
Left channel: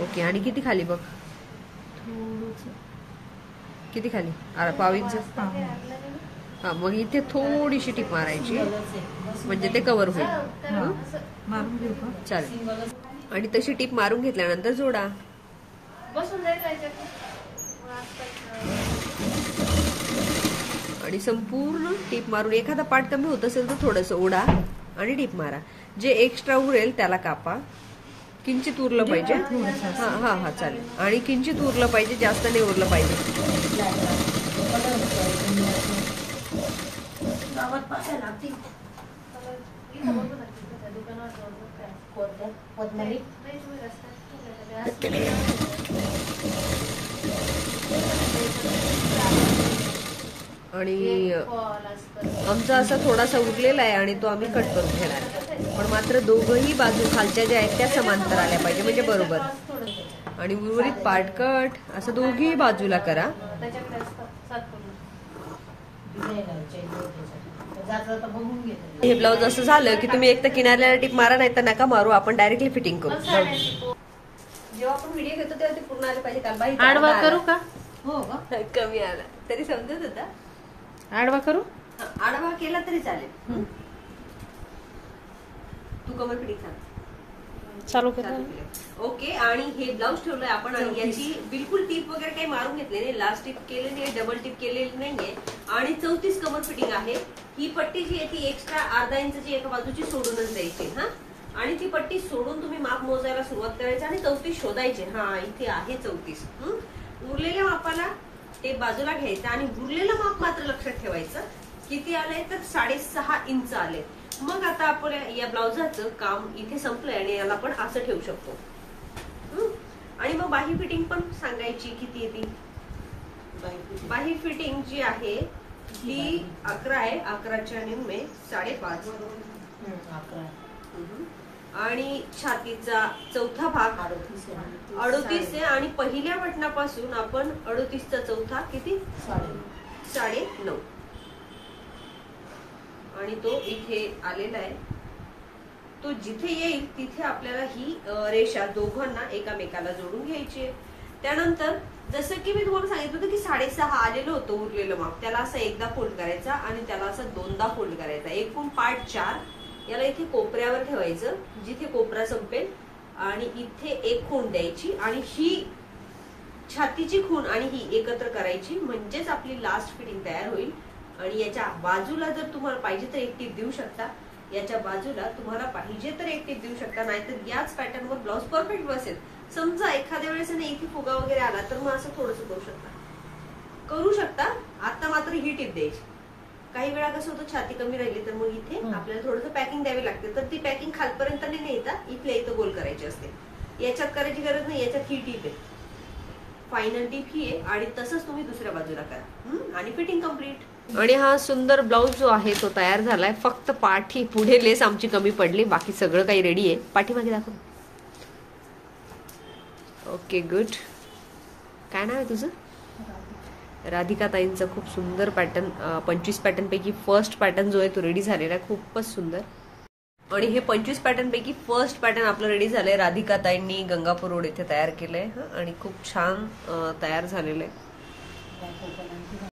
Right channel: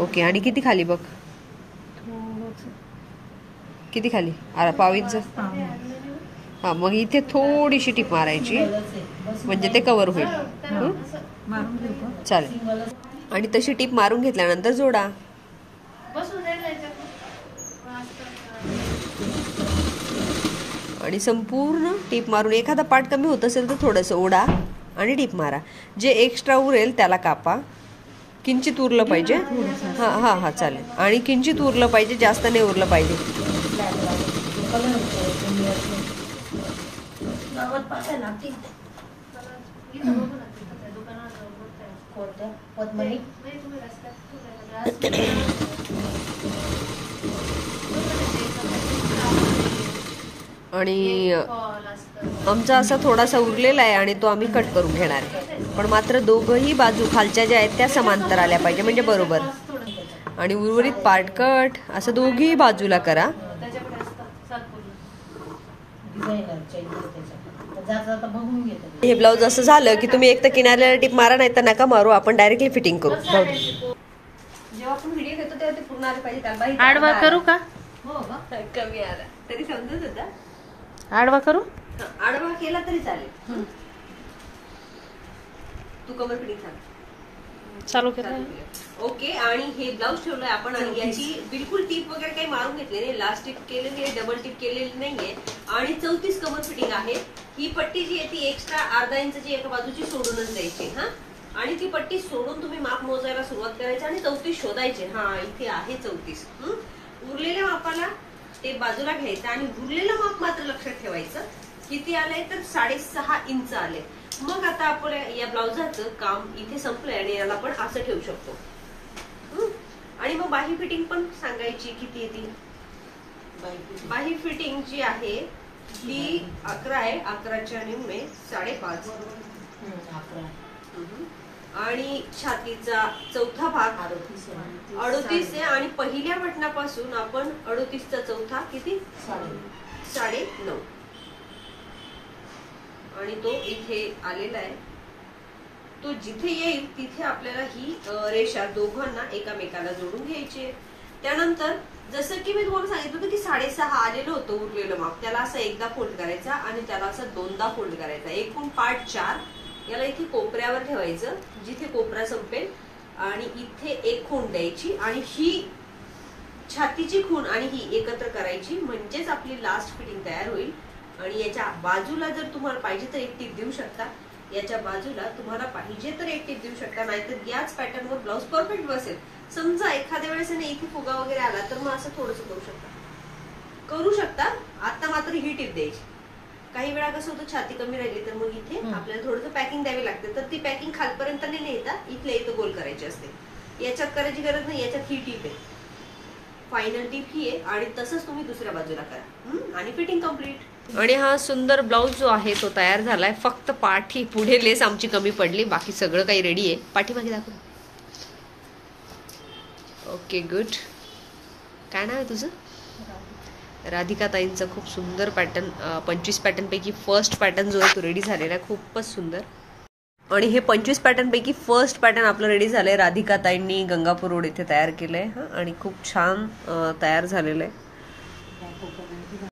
ओके. आणि किती खाली बघ. किती खाली? 1/2 इंच. हा मग इथे थोडीशी टिप मारायची म्हणजे ते कव्हर होईल. चालेल. आणि तशी टिप मारून घेतल्यानंतर जोडा. आणि संपूर्ण टिप मारून एखादा पार्ट कमी होत असेल तर थोडंसं ओढा आणि टिप मारा. जे एक्स्ट्रा उरेल त्याला कापा. किंचित उरलं पाहिजे. हा हा हा चालेल. आणि किंचित उरलं पाहिजे. जास्त नाही उरलं पाहिजे. आणि आमचा असा थोडासा उरलेला आहे आणि तो आम्ही कट करून घेणार आहे. पण मात्र दोघही बाजू खालच्या ज्या आहेत त्या समांतर आल्या पाहिजे म्हणजे बरोबर. आणि उर्वरित पार्ट कट असं दोघी बाजूला करा. हे ब्लाऊज असं झालं की तुम्ही एक तर किनाऱ्याला टिप मारा नाही तर नका मारू. आपण डायरेक्टली फिटिंग करू. जेव्हा आपण व्हिडिओ घेतो तेव्हा ते पूर्ण आले पाहिजे. आडवा करू का? हो कमी आला तरी समजत होता. आडवा करू? आडवा केला तरी चालेल. तू कवर फिटिंग सांग. चालू केलं. ओके. आणि हे ब्लाऊज ठेवलंय आपण आणि याची बिलकुल टिप वगैरे काही मारून घेतली नाही. लास्ट टिप केलेली आहे. डबल टिप केलेली नाहीये. आणि 34 कमर फिटिंग आहे. ही पट्टी जी आहे ती एक्स्ट्रा 1/2 इंचची एका बाजूची सोडूनच द्यायची. हा आणि ती पट्टी सोडून तुम्ही माप मोजायला सुरुवात करायची आणि 34 शोधायचे. हा इथे आहे 34. उरलेल्या मापाला ते बाजूला घ्यायचं आणि उरलेलं माप मात्र लक्षात ठेवायचं. किती आलंय तर 6.5 इंच आले. मग आता आपण या ब्लाउजाचं काम इथे संपलंय आणि याला आपण असं ठेवू शकतो. आणि मग बाही फिटिंग पण सांगायची किती येते. बाही फिटिंग जी आहे ती 11 आहे. 11च्या निम्मे 5.5. आणि छातीचा चौथा भाग 38 आहे. आणि पहिल्या बटनापासून आपण 38चा चौथा किती 9.5. आणि तो इथे आलेला आहे. तो जिथे येईल तिथे आपल्याला ही रेषा दोघांना एकामेकाला जोडून घ्यायची आहे. त्यानंतर जसं की मी तुम्हाला सांगितलं होतं की 6.5 आलेलं होतं उरलेलं माप. त्याला असं एकदा फोल्ड करायचा आणि त्याला असं 2दा फोल्ड करायचा. एकूण पार्ट 4. याला इथे कोपऱ्यावर ठेवायचं जिथे कोपरा संपेल आणि इथे एक खूण द्यायची आणि ही छातीची खूण आणि ही एकत्र करायची म्हणजेच आपली लास्ट फिटिंग तयार होईल. आणि याच्या बाजूला जर तुम्हाला पाहिजे तर एक टीप देऊ शकता. याच्या बाजूला तुम्हाला पाहिजे तर एक टीप देऊ शकता. नाहीतर याच पॅटर्नवर ब्लाऊज परफेक्ट बसेल. समजा एखाद्या वेळेस इथे फुगा वगैरे आला तर मग असं थोडंसं करू शकता. आता मात्र ही टीप द्यायची. काही वेळा कसं होतं छाती कमी राहिली तर मग इथे आपल्याला थोडंसं पॅकिंग द्यावी लागते. तर ती पॅकिंग खालपर्यंत नाही नेता इथल्या इथं गोल करायची असते. याच्यात करायची गरज नाही. याच्यात ही टीप आहे. फायनल टीप ही आहे. आणि तसंच तुम्ही दुसऱ्या बाजूला करा आणि फिटिंग कम्प्लीट. आणि हा सुंदर ब्लाऊज जो आहे तो तयार झालाय. फक्त पाठी पुढे लेस आमची कमी पडली. बाकी सगळं काही रेडी आहे. पाठीमागे दाखव. Okay good. काय नाव आहे तुझं? राधिका ताईंचा खूप सुंदर पॅटर्न 25 पॅटर्न पैकी फर्स्ट पॅटर्न जो आहे तो रेडी झालेला आहे. खूपच सुंदर. आणि हे 25 पॅटर्न पैकी फर्स्ट पॅटर्न आपलं रेडी झालंय. राधिका ताईंनी गंगापूर रोड इथे तयार केलंय आणि खूप छान तयार झालेलं आहे.